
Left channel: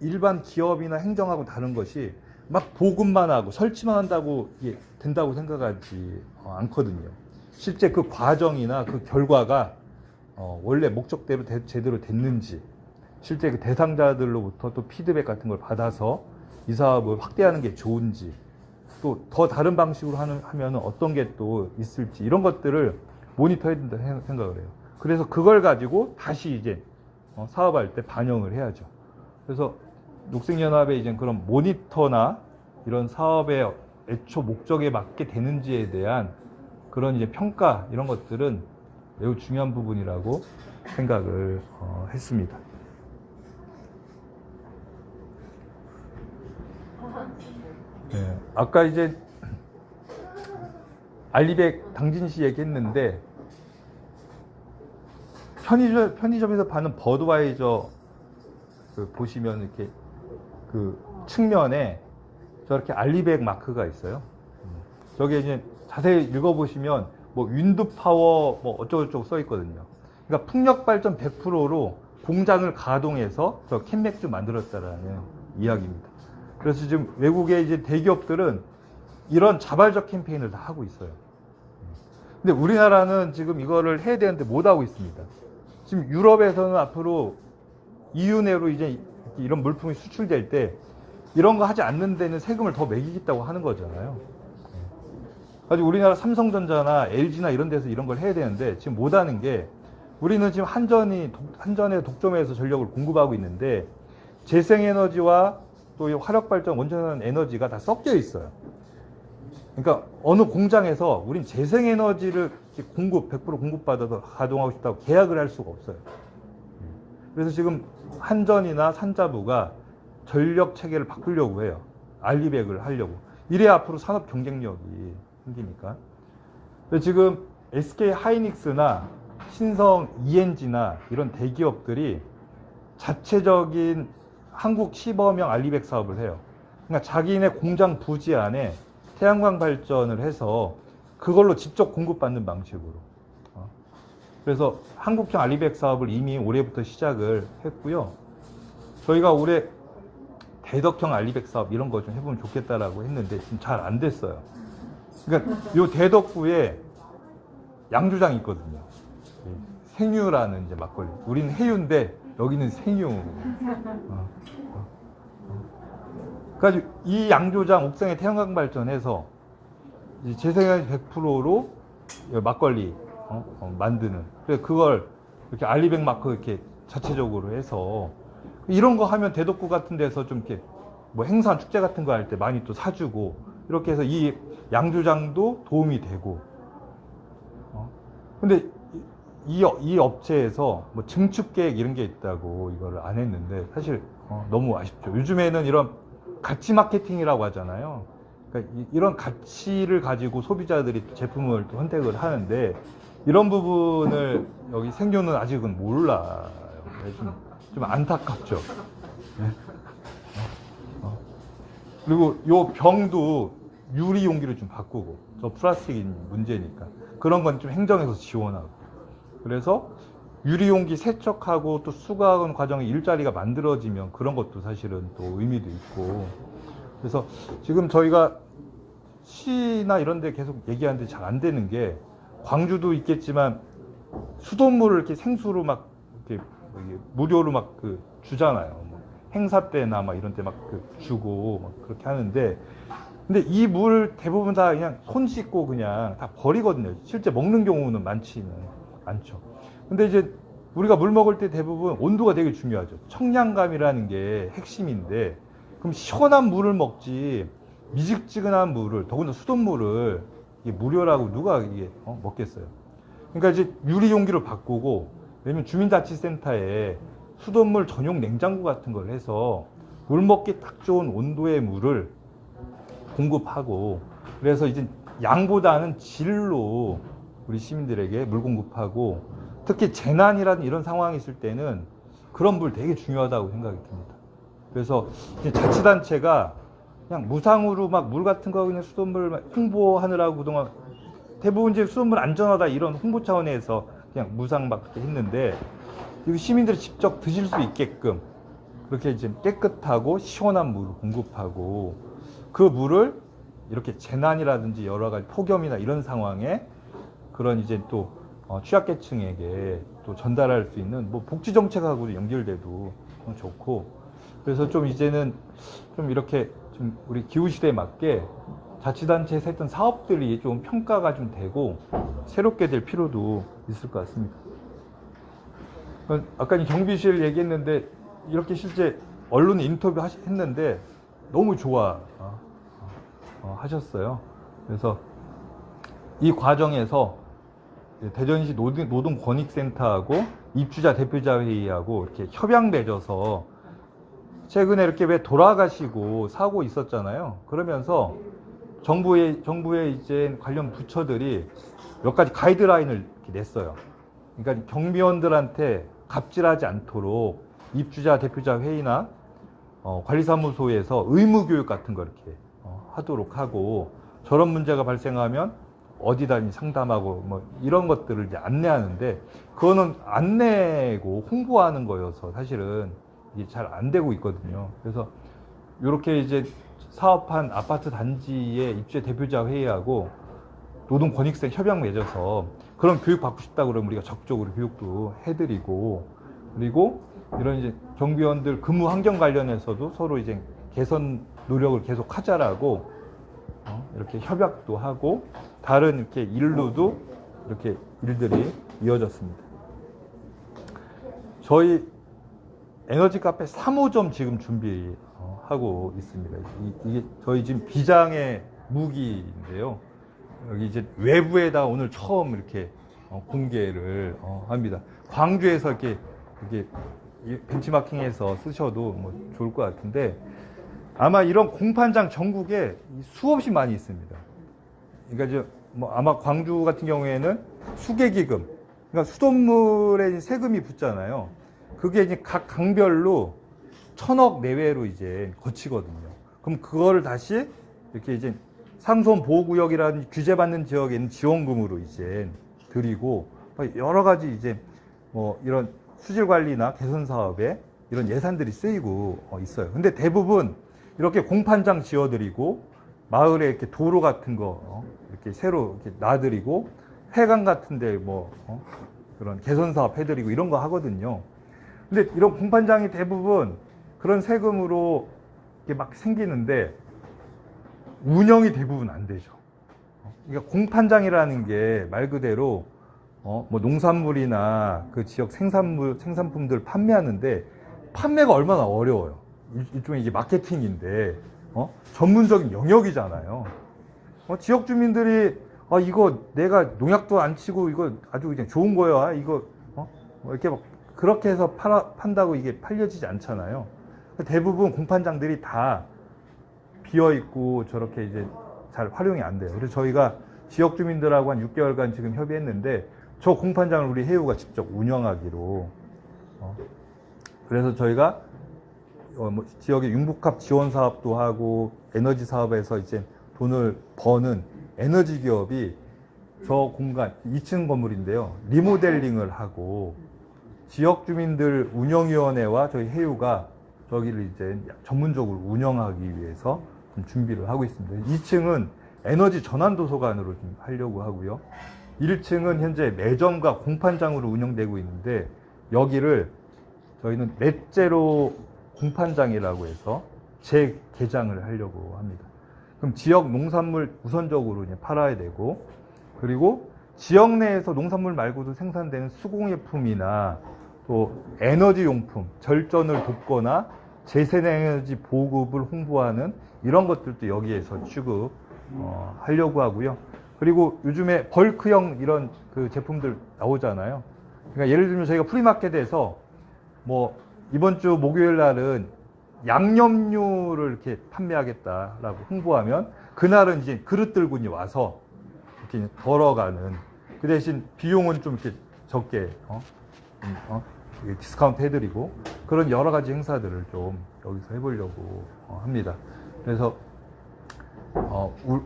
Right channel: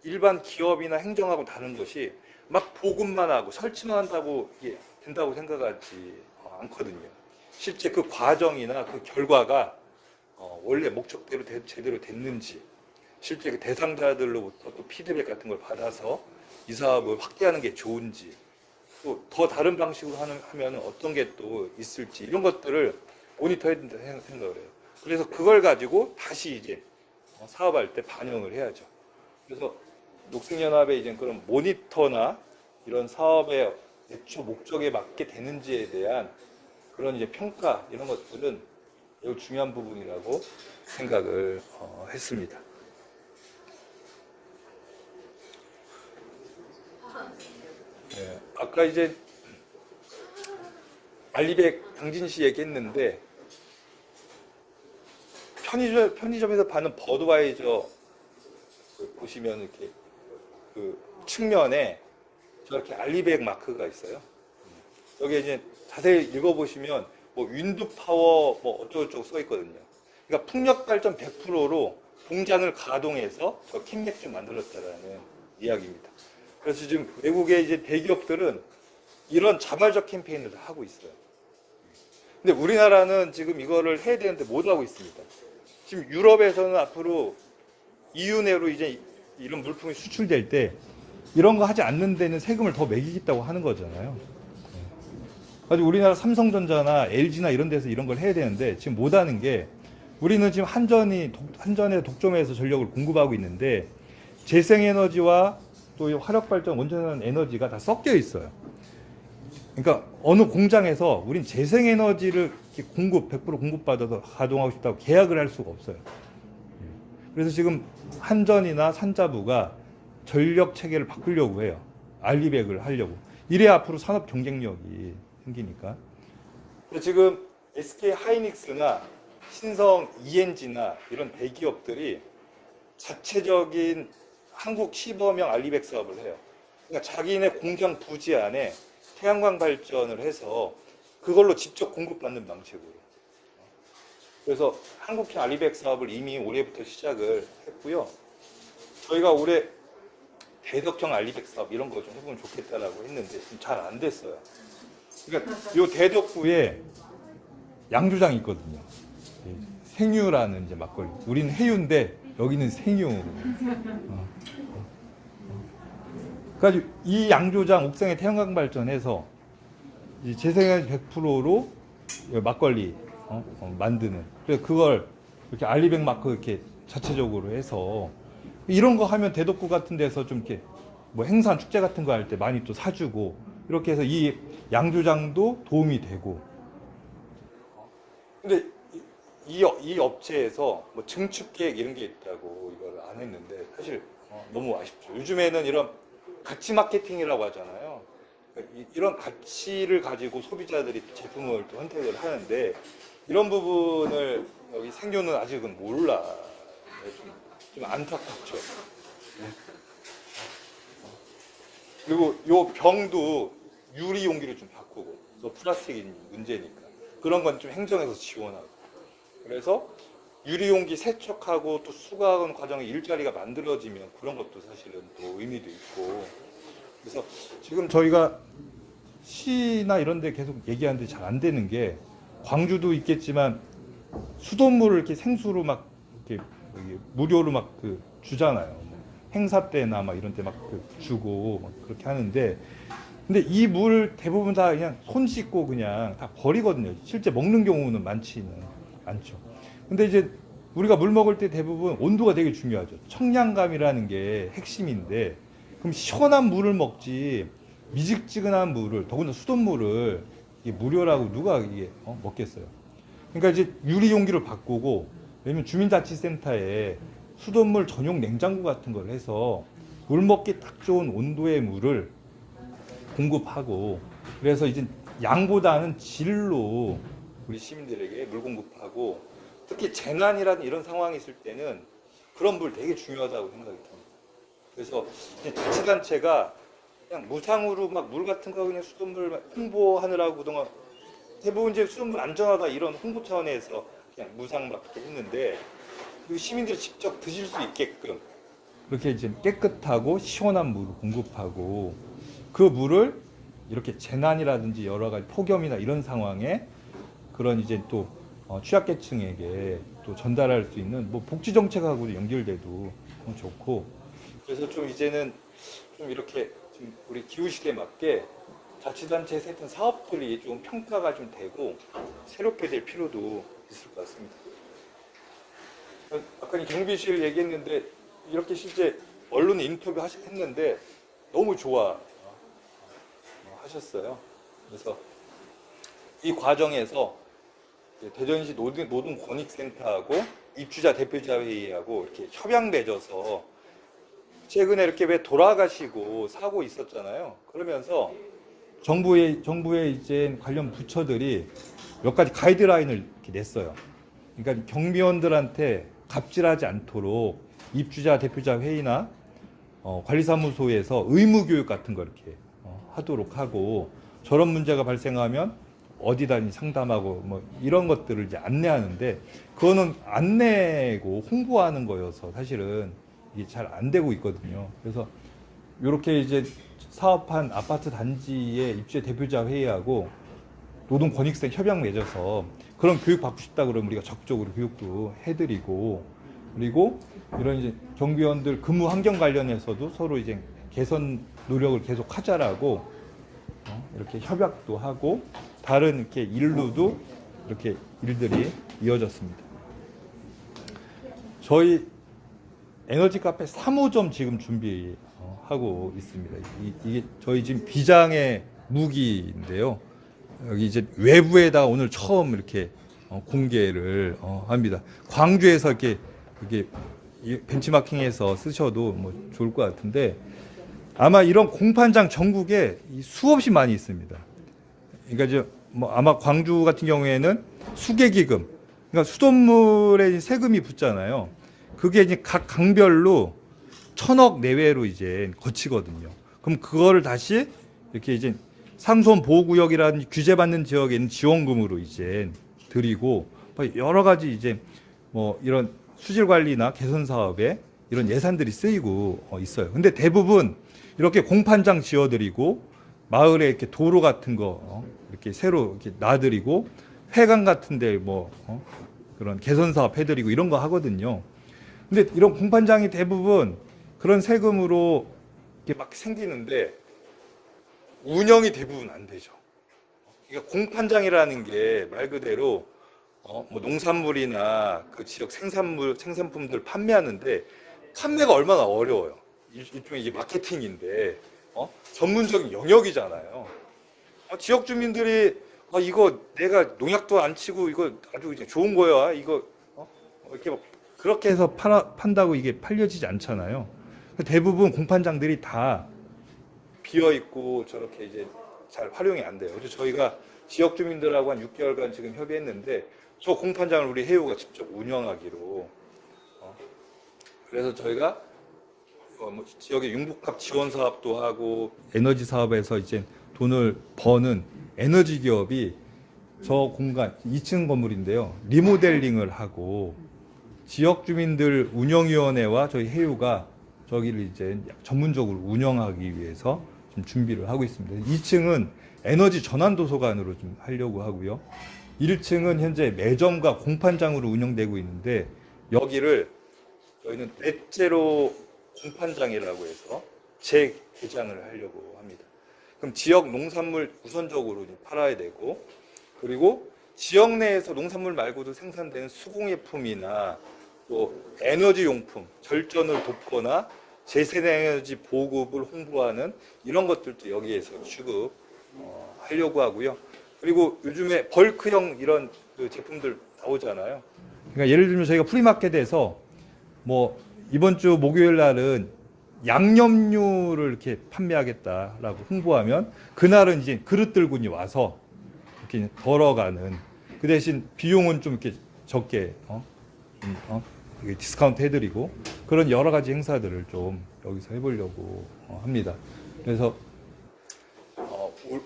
일반 기업이나 행정하고 다른 것이 막 보급만 하고 설치만 한다고 이게 된다고 생각하지 않거든요. 실제 그 과정이나 그 결과가 원래 목적대로 제대로 됐는지 실제 그 대상자들로부터 또 피드백 같은 걸 받아서 이 사업을 확대하는 게 좋은지 또 더 다른 방식으로 하면 어떤 게 또 있을지 이런 것들을 모니터해야 된다 생각을 해요. 그래서 그걸 가지고 다시 이제 사업할 때 반영을 해야죠. 그래서 녹색연합의 이제 그런 모니터나 이런 사업의 애초 목적에 맞게 되는지에 대한 그런 이제 평가 이런 것들은 매우 중요한 부분이라고 생각을 했습니다. 네, 아까 이제 알리백 당진시 얘기했는데 편의점에서 파는 버드와이저 보시면 이렇게 그 측면에 저렇게 알리백 마크가 있어요. 저게 이제 자세히 읽어보시면 뭐 윈드 파워 뭐 어쩌고저쩌고 써 있거든요. 그러니까 풍력 발전 100%로 공장을 가동해서 저 캔맥주 만들었다라는 이야기입니다. 그래서 지금 외국의 이제 대기업들은 이런 자발적 캠페인을 다 하고 있어요. 근데 우리나라는 지금 이거를 해야 되는데 못 하고 있습니다. 지금 유럽에서는 앞으로 EU 내로 이제 이런 물품이 수출될 때 이런 거 하지 않는 데는 세금을 더 매기겠다고 하는 거잖아요. 가지고 우리나라 삼성전자나 LG나 이런 데서 이런 걸 해야 되는데 지금 못 하는 게 우리는 지금 한전의 독점에서 전력을 공급하고 있는데 재생에너지와 또 화력발전 원전하는 에너지가 다 섞여 있어요. 그러니까 어느 공장에서 우린 재생에너지를 100% 공급받아서 가동하고 싶다고 계약을 할 수가 없어요. 그래서 지금 한전이나 산자부가 전력 체계를 바꾸려고 해요. 알리백을 하려고. 이래야 앞으로 산업 경쟁력이 생기니까. 근데 지금 SK 하이닉스나 신성 ENG나 이런 대기업들이 자체적인 한국 시범형 알리백 사업을 해요. 그러니까 자기네 공장 부지 안에 태양광 발전을 해서 그걸로 직접 공급받는 방식으로. 그래서 한국형 알리백 사업을 이미 올해부터 시작을 했고요. 저희가 올해 대덕형 알리백 사업 이런 거 좀 해보면 좋겠다라고 했는데 지금 잘 안 됐어요. 그러니까 요 대덕구에 양조장이 있거든요. 생유라는 이제 막걸리. 우리는 해유인데 여기는 생유. 그러니까 이 양조장 옥상에 태양광 발전해서 이 재생에너지 100%로 막걸리 만드는. 그래서 그걸 이렇게 알리백 마크 이렇게 자체적으로 해서 이런 거 하면 대덕구 같은 데서 좀 이렇게 뭐 행사 축제 같은 거 할 때 많이 또 사주고 이렇게 해서 이 양조장도 도움이 되고. 근데 이 업체에서 뭐 증축 계획 이런 게 있다고 이거를 안 했는데 사실 너무 아쉽죠. 요즘에는 이런 가치 마케팅이라고 하잖아요. 그러니까 이런 가치를 가지고 소비자들이 제품을 또 선택을 하는데 이런 부분을 여기 생료는 아직은 몰라요. 좀 안타깝죠. 네. 그리고 요 병도 유리 용기로 좀 바꾸고, 저 플라스틱이 문제니까 그런 건 좀 행정에서 지원하고. 그래서 유리 용기 세척하고 또 수거하는 과정에 일자리가 만들어지면 그런 것도 사실은 또 의미도 있고. 그래서 지금 저희가 시나 이런 데 계속 얘기하는데 잘 안 되는 게, 광주도 있겠지만 수돗물을 이렇게 생수로 막 이렇게 무료로 막 그 주잖아요. 뭐 행사 때나 막 이런 때 막 그 주고 막 그렇게 하는데, 근데 이 물 대부분 다 그냥 손 씻고 그냥 다 버리거든요. 실제 먹는 경우는 많지는 않죠. 근데 이제 우리가 물 먹을 때 대부분 온도가 되게 중요하죠. 청량감이라는 게 핵심인데, 그럼 시원한 물을 먹지 미지근한 물을, 더군다나 수돗물을 이게 무료라고 누가 이게 먹겠어요. 그러니까 이제 유리 용기로 바꾸고, 왜냐면 주민자치센터에 수돗물 전용 냉장고 같은 걸 해서 물 먹기 딱 좋은 온도의 물을 공급하고, 그래서 이제 양보다는 질로 우리 시민들에게 물 공급하고, 특히 재난이라든 이런 상황이 있을 때는 그런 물 되게 중요하다고 생각이 듭니다. 그래서 이제 자치단체가 그냥 무상으로 막 물 같은 거 그냥 수돗물 홍보하느라고 그동안 대부분 이제 수돗물 안전하다 이런 홍보 차원에서 그냥 무상 막 그렇게 했는데, 시민들이 직접 드실 수 있게끔 그렇게 이제 깨끗하고 시원한 물을 공급하고, 그 물을 이렇게 재난이라든지 여러 가지 폭염이나 이런 상황에 그런 이제 또 취약계층에게 또 전달할 수 있는 뭐 복지 정책하고도 연결돼도 좋고. 그래서 좀 이제는 좀 이렇게 좀 우리 기후 시대에 맞게 자치단체에서 했던 사업들이 좀 평가가 좀 되고 새롭게 될 필요도 있을 것 같습니다. 아까 경비실 얘기했는데 이렇게 실제 언론 인터뷰 했는데 너무 좋아 하셨어요. 그래서 이 과정에서 대전시 노동권익센터하고 입주자 대표자 회의하고 이렇게 협약 맺어서, 최근에 이렇게 왜 돌아가시고 사고 있었잖아요. 그러면서 정부의 이제 관련 부처들이 몇 가지 가이드라인을 이렇게 냈어요. 그러니까 경비원들한테 갑질하지 않도록 입주자 대표자 회의나 관리사무소에서 의무 교육 같은 거 이렇게 하도록 하고, 저런 문제가 발생하면 어디다 상담하고 뭐 이런 것들을 이제 안내하는데, 그거는 안내고 홍보하는 거여서 사실은 이게 잘 안 되고 있거든요. 그래서 이렇게 이제 사업한 아파트 단지의 입주자 대표자 회의하고 노동권익센터 협약 맺어서 그런 교육 받고 싶다 그러면 우리가 적극적으로 교육도 해드리고, 그리고 이런 이제 경비원들 근무 환경 관련해서도 서로 이제 개선 노력을 계속 하자라고 이렇게 협약도 하고, 다른 이렇게 일로도 이렇게 일들이 이어졌습니다. 저희 에너지 카페 3호점 지금 준비하고 있습니다. 이게 저희 지금 비장의 무기인데요. 여기 이제 외부에다 오늘 처음 이렇게 공개를 합니다. 광주에서 이렇게 벤치마킹해서 쓰셔도 뭐 좋을 것 같은데, 아마 이런 공판장 전국에 수없이 많이 있습니다. 그러니까 이제 뭐 아마 광주 같은 경우에는 수계기금, 그러니까 수돗물에 세금이 붙잖아요. 그게 이제 각 강별로 1,000억 내외로 이제 거치거든요. 그럼 그거를 다시 이렇게 이제 상수원 보호구역이라든지 규제받는 지역에 있는 지원금으로 이제 드리고, 여러 가지 이제 뭐 이런 수질 관리나 개선 사업에 이런 예산들이 쓰이고 있어요. 근데 대부분 이렇게 공판장 지어드리고, 마을에 이렇게 도로 같은 거 이렇게 새로 이렇게 놔드리고, 회관 같은데 뭐 그런 개선 사업 해드리고 이런 거 하거든요. 근데 이런 공판장이 대부분 그런 세금으로 이렇게 막 생기는데 운영이 대부분 안 되죠. 그러니까 공판장이라는 게 말 그대로 뭐 농산물이나 그 지역 생산품들 판매하는데 판매가 얼마나 어려워요. 일종의 이게 마케팅인데 전문적인 영역이잖아요. 지역 주민들이 이거 내가 농약도 안 치고 이거 아주 그냥 좋은 거야. 이거 뭐 이렇게 막 그렇게 해서 판다고 이게 팔려지지 않잖아요. 대부분 공판장들이 다 비어 있고 저렇게 이제 잘 활용이 안 돼요. 그래서 저희가 지역 주민들하고 한 6개월간 지금 협의했는데 저 공판장을 우리 해우가 직접 운영하기로. 그래서 저희가 뭐 지역의 융복합 지원 사업도 하고 에너지 사업에서 이제 돈을 버는 에너지 기업이 저 공간 2층 건물인데요. 리모델링을 하고 지역 주민들 운영위원회와 저희 해우가 저기를 이제 전문적으로 운영하기 위해서 좀 준비를 하고 있습니다. 2층은 에너지 전환 도서관으로 좀 하려고 하고요. 1층은 현재 매점과 공판장으로 운영되고 있는데 여기를 저희는 넷제로 공판장이라고 해서 재개장을 하려고 합니다. 그럼 지역 농산물 우선적으로 이제 팔아야 되고, 그리고 지역 내에서 농산물 말고도 생산되는 수공예품이나 또 에너지 용품, 절전을 돕거나 재생에너지 보급을 홍보하는 이런 것들도 여기에서 취급 하려고 하고요. 그리고 요즘에 벌크형 이런 그 제품들 나오잖아요. 그러니까 예를 들면 저희가 프리마켓에서 뭐 이번 주 목요일 날은 양념류를 이렇게 판매하겠다라고 홍보하면 그날은 이제 그릇 들고 와서 이렇게 덜어가는, 그 대신 비용은 좀 이렇게 적게 디스카운트 해드리고 그런 여러 가지 행사들을 좀 여기서 해보려고 합니다. 그래서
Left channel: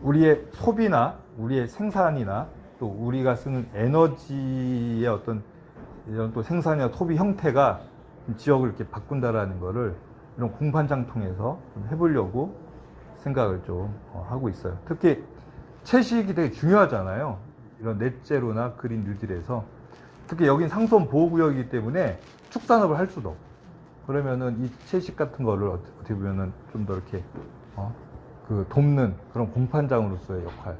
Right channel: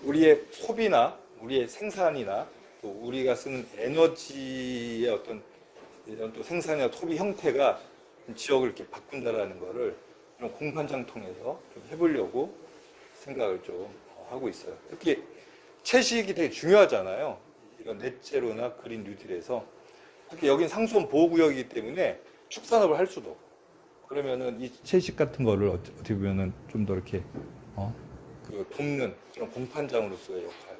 우리의 소비나 우리의 생산이나 또 우리가 쓰는 에너지의 어떤 이런 또 생산이나 소비 형태가 지역을 이렇게 바꾼다라는 거를 이런 공판장 통해서 좀 해보려고 생각을 좀 하고 있어요. 특히 채식이 되게 중요하잖아요. 이런 넷제로나 그린 뉴딜에서 특히 여긴 상수원 보호구역이기 때문에 축산업을 할 수도 없고, 그러면은 이 채식 같은 거를 어떻게 보면은 좀 더 이렇게 그 돕는 그런 공판장으로서의 역할,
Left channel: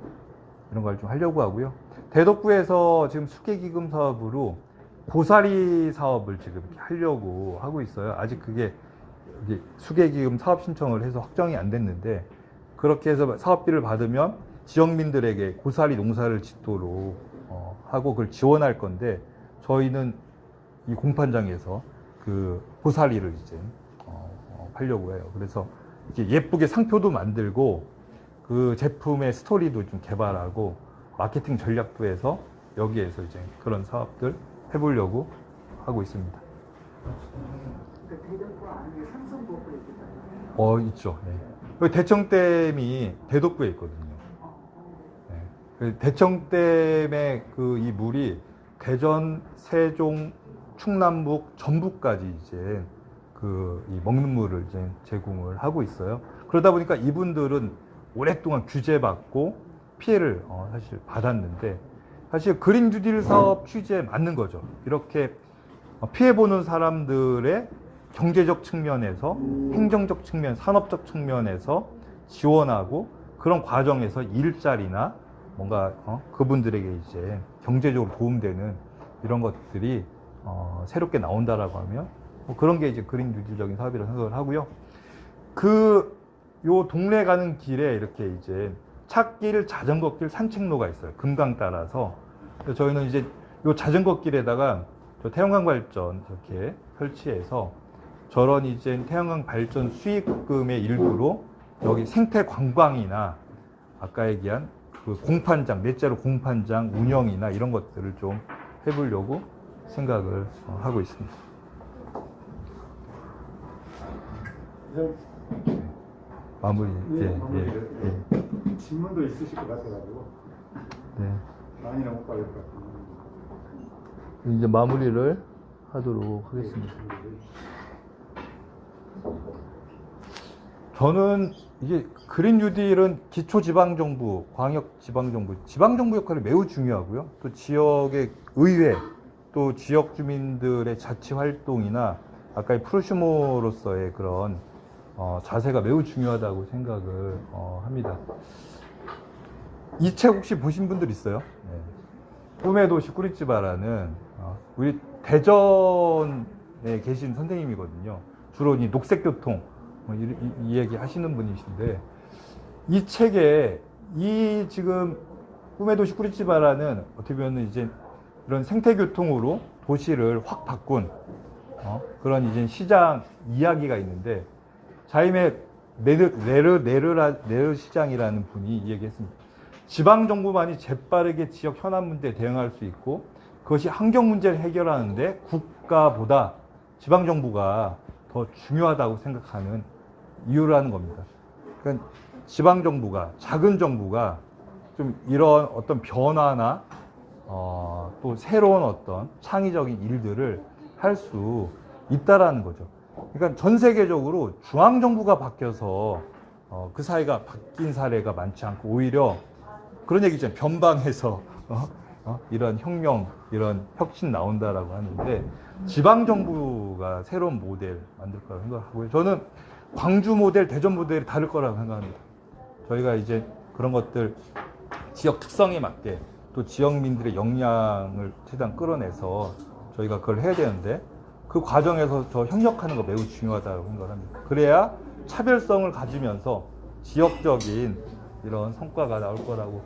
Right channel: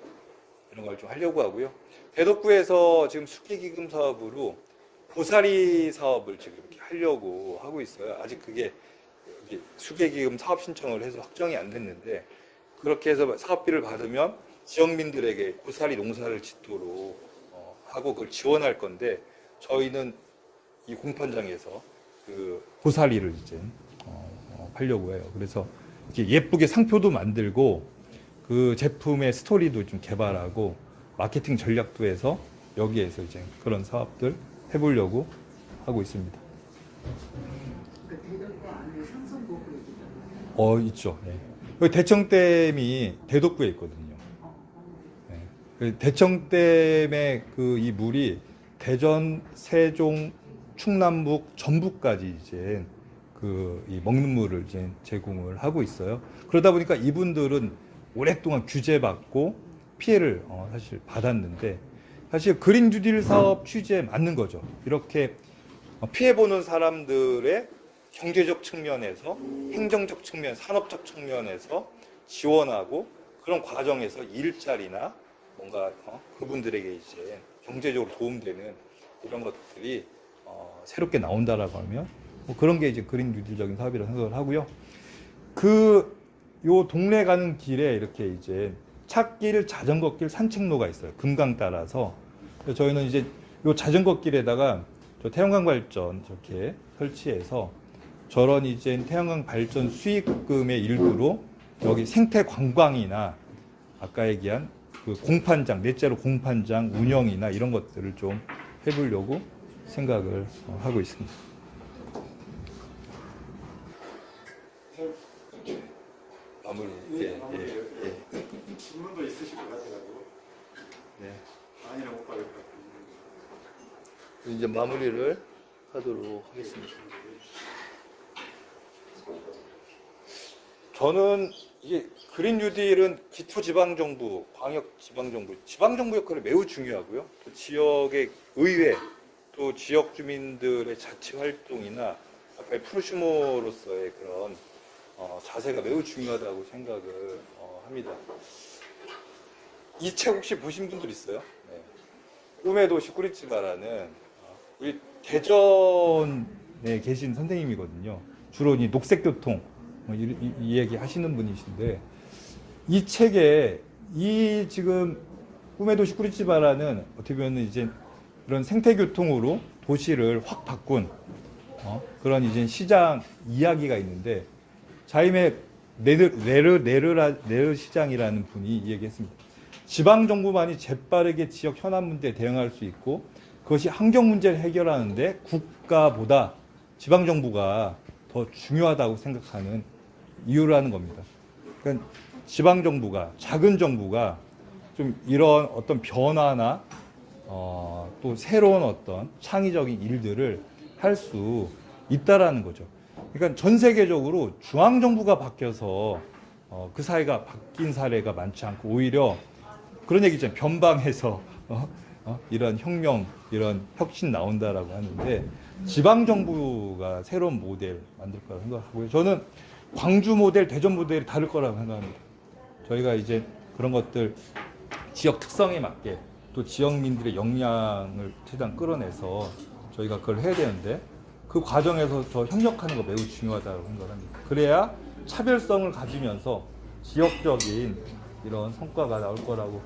이런 걸 좀 하려고 하고요. 대덕구에서 지금 수계기금 사업으로 고사리 사업을 지금 이렇게 하려고 하고 있어요. 아직 그게 수계기금 사업 신청을 해서 확정이 안 됐는데, 그렇게 해서 사업비를 받으면 지역민들에게 고사리 농사를 짓도록 하고 그걸 지원할 건데, 저희는 이 공판장에서 그 고사리를 이제 팔려고 해요. 그래서 이렇게 예쁘게 상표도 만들고 그 제품의 스토리도 좀 개발하고 마케팅 전략도 해서 여기에서 이제 그런 사업들 해보려고 하고 있습니다. 그 대덕구 안에 상선보고 있잖아요. 있죠. 예. 대청댐이 대덕구에 있거든요. 예. 대청댐의 그 이 물이 대전, 세종, 충남북, 전북까지 이제 그 이 먹는 물을 이제 제공을 하고 있어요. 그러다 보니까 이분들은 오랫동안 규제받고 피해를 사실 받았는데, 사실 그린 뉴딜 사업 취지에 맞는 거죠. 이렇게 피해 보는 사람들의 경제적 측면에서, 행정적 측면, 산업적 측면에서 지원하고 그런 과정에서 일자리나 뭔가 그분들에게 이제 경제적으로 도움되는 이런 것들이 새롭게 나온다라고 하면 뭐 그런 게 이제 그린 뉴딜적인 사업이라고 생각을 하고요. 요 동네 가는 길에 이렇게 이제 찻길, 자전거길, 산책로가 있어요. 금강 따라서. 그래서 저희는 이제 요 자전거 길에다가 저 태양광 발전 저렇게 설치해서 저런 이제 태양광 발전 수익금의 일부로 여기 생태 관광이나 아까 얘기한 그 공판장, 넷째로 공판장 운영이나 이런 것들을 좀 해보려고 생각을 하고 있습니다. 마무리. 예. 질문도 있으실 것 같아가지고 많이는 못 가겠다. 이제 마무리를 하도록 하겠습니다. 저는 이게 그린 뉴딜은 기초지방정부, 광역지방정부, 지방정부 역할이 매우 중요하고요. 또 지역의 의회, 또 지역 주민들의 자치 활동이나 아까의 프로슈머로서의 그런 자세가 매우 중요하다고 생각을 합니다. 이 책 혹시 보신 분들 있어요? 네. 꿈의 도시 꾸리찌바라는 우리 대전에 계신 선생님이거든요. 주로 이 녹색교통 이 얘기 하시는 분이신데 이 책에 이 지금 꿈의 도시 꾸리찌바라는 어떻게 보면 이제 그런 생태교통으로 도시를 확 바꾼 그런 이제 시장 이야기가 있는데 자임의 네르 시장이라는 분이 얘기했습니다. 지방 정부만이 재빠르게 지역 현안 문제에 대응할 수 있고 그것이 환경 문제를 해결하는데 국가보다 지방 정부가 더 중요하다고 생각하는 이유라는 겁니다. 그러니까 지방 정부가 작은 정부가 좀 이런 어떤 변화나 또 새로운 어떤 창의적인 일들을 할 수 있다라는 거죠. 그러니까 전 세계적으로 중앙 정부가 바뀌어서 그 사회가 바뀐 사례가 많지 않고 오히려 그런 얘기 있잖아요. 변방에서 이런 혁명, 이런 혁신 나온다라고 하는데 지방 정부가 새로운 모델 만들 거라고 생각하고요. 저는 광주 모델, 대전 모델이 다를 거라고 생각합니다. 저희가 이제 그런 것들 지역 특성에 맞게 또 지역민들의 역량을 최대한 끌어내서 저희가 그걸 해야 되는데 그 과정에서 저 협력하는 거 매우 중요하다고 생각합니다. 그래야 차별성을 가지면서 지역적인 이런 성과가 나올 거라고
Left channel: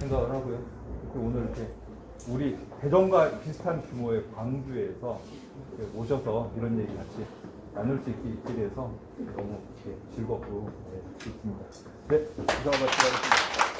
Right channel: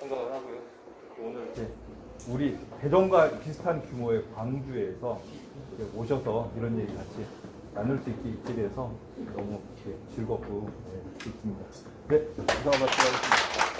생각을 하고요. 오늘 이렇게 우리 대전과 비슷한 규모의 광주에서 오셔서 이런 얘기 같이 나눌 수 있게 돼서 너무 즐겁고 좋습니다. 네, 이상 마치겠습니다.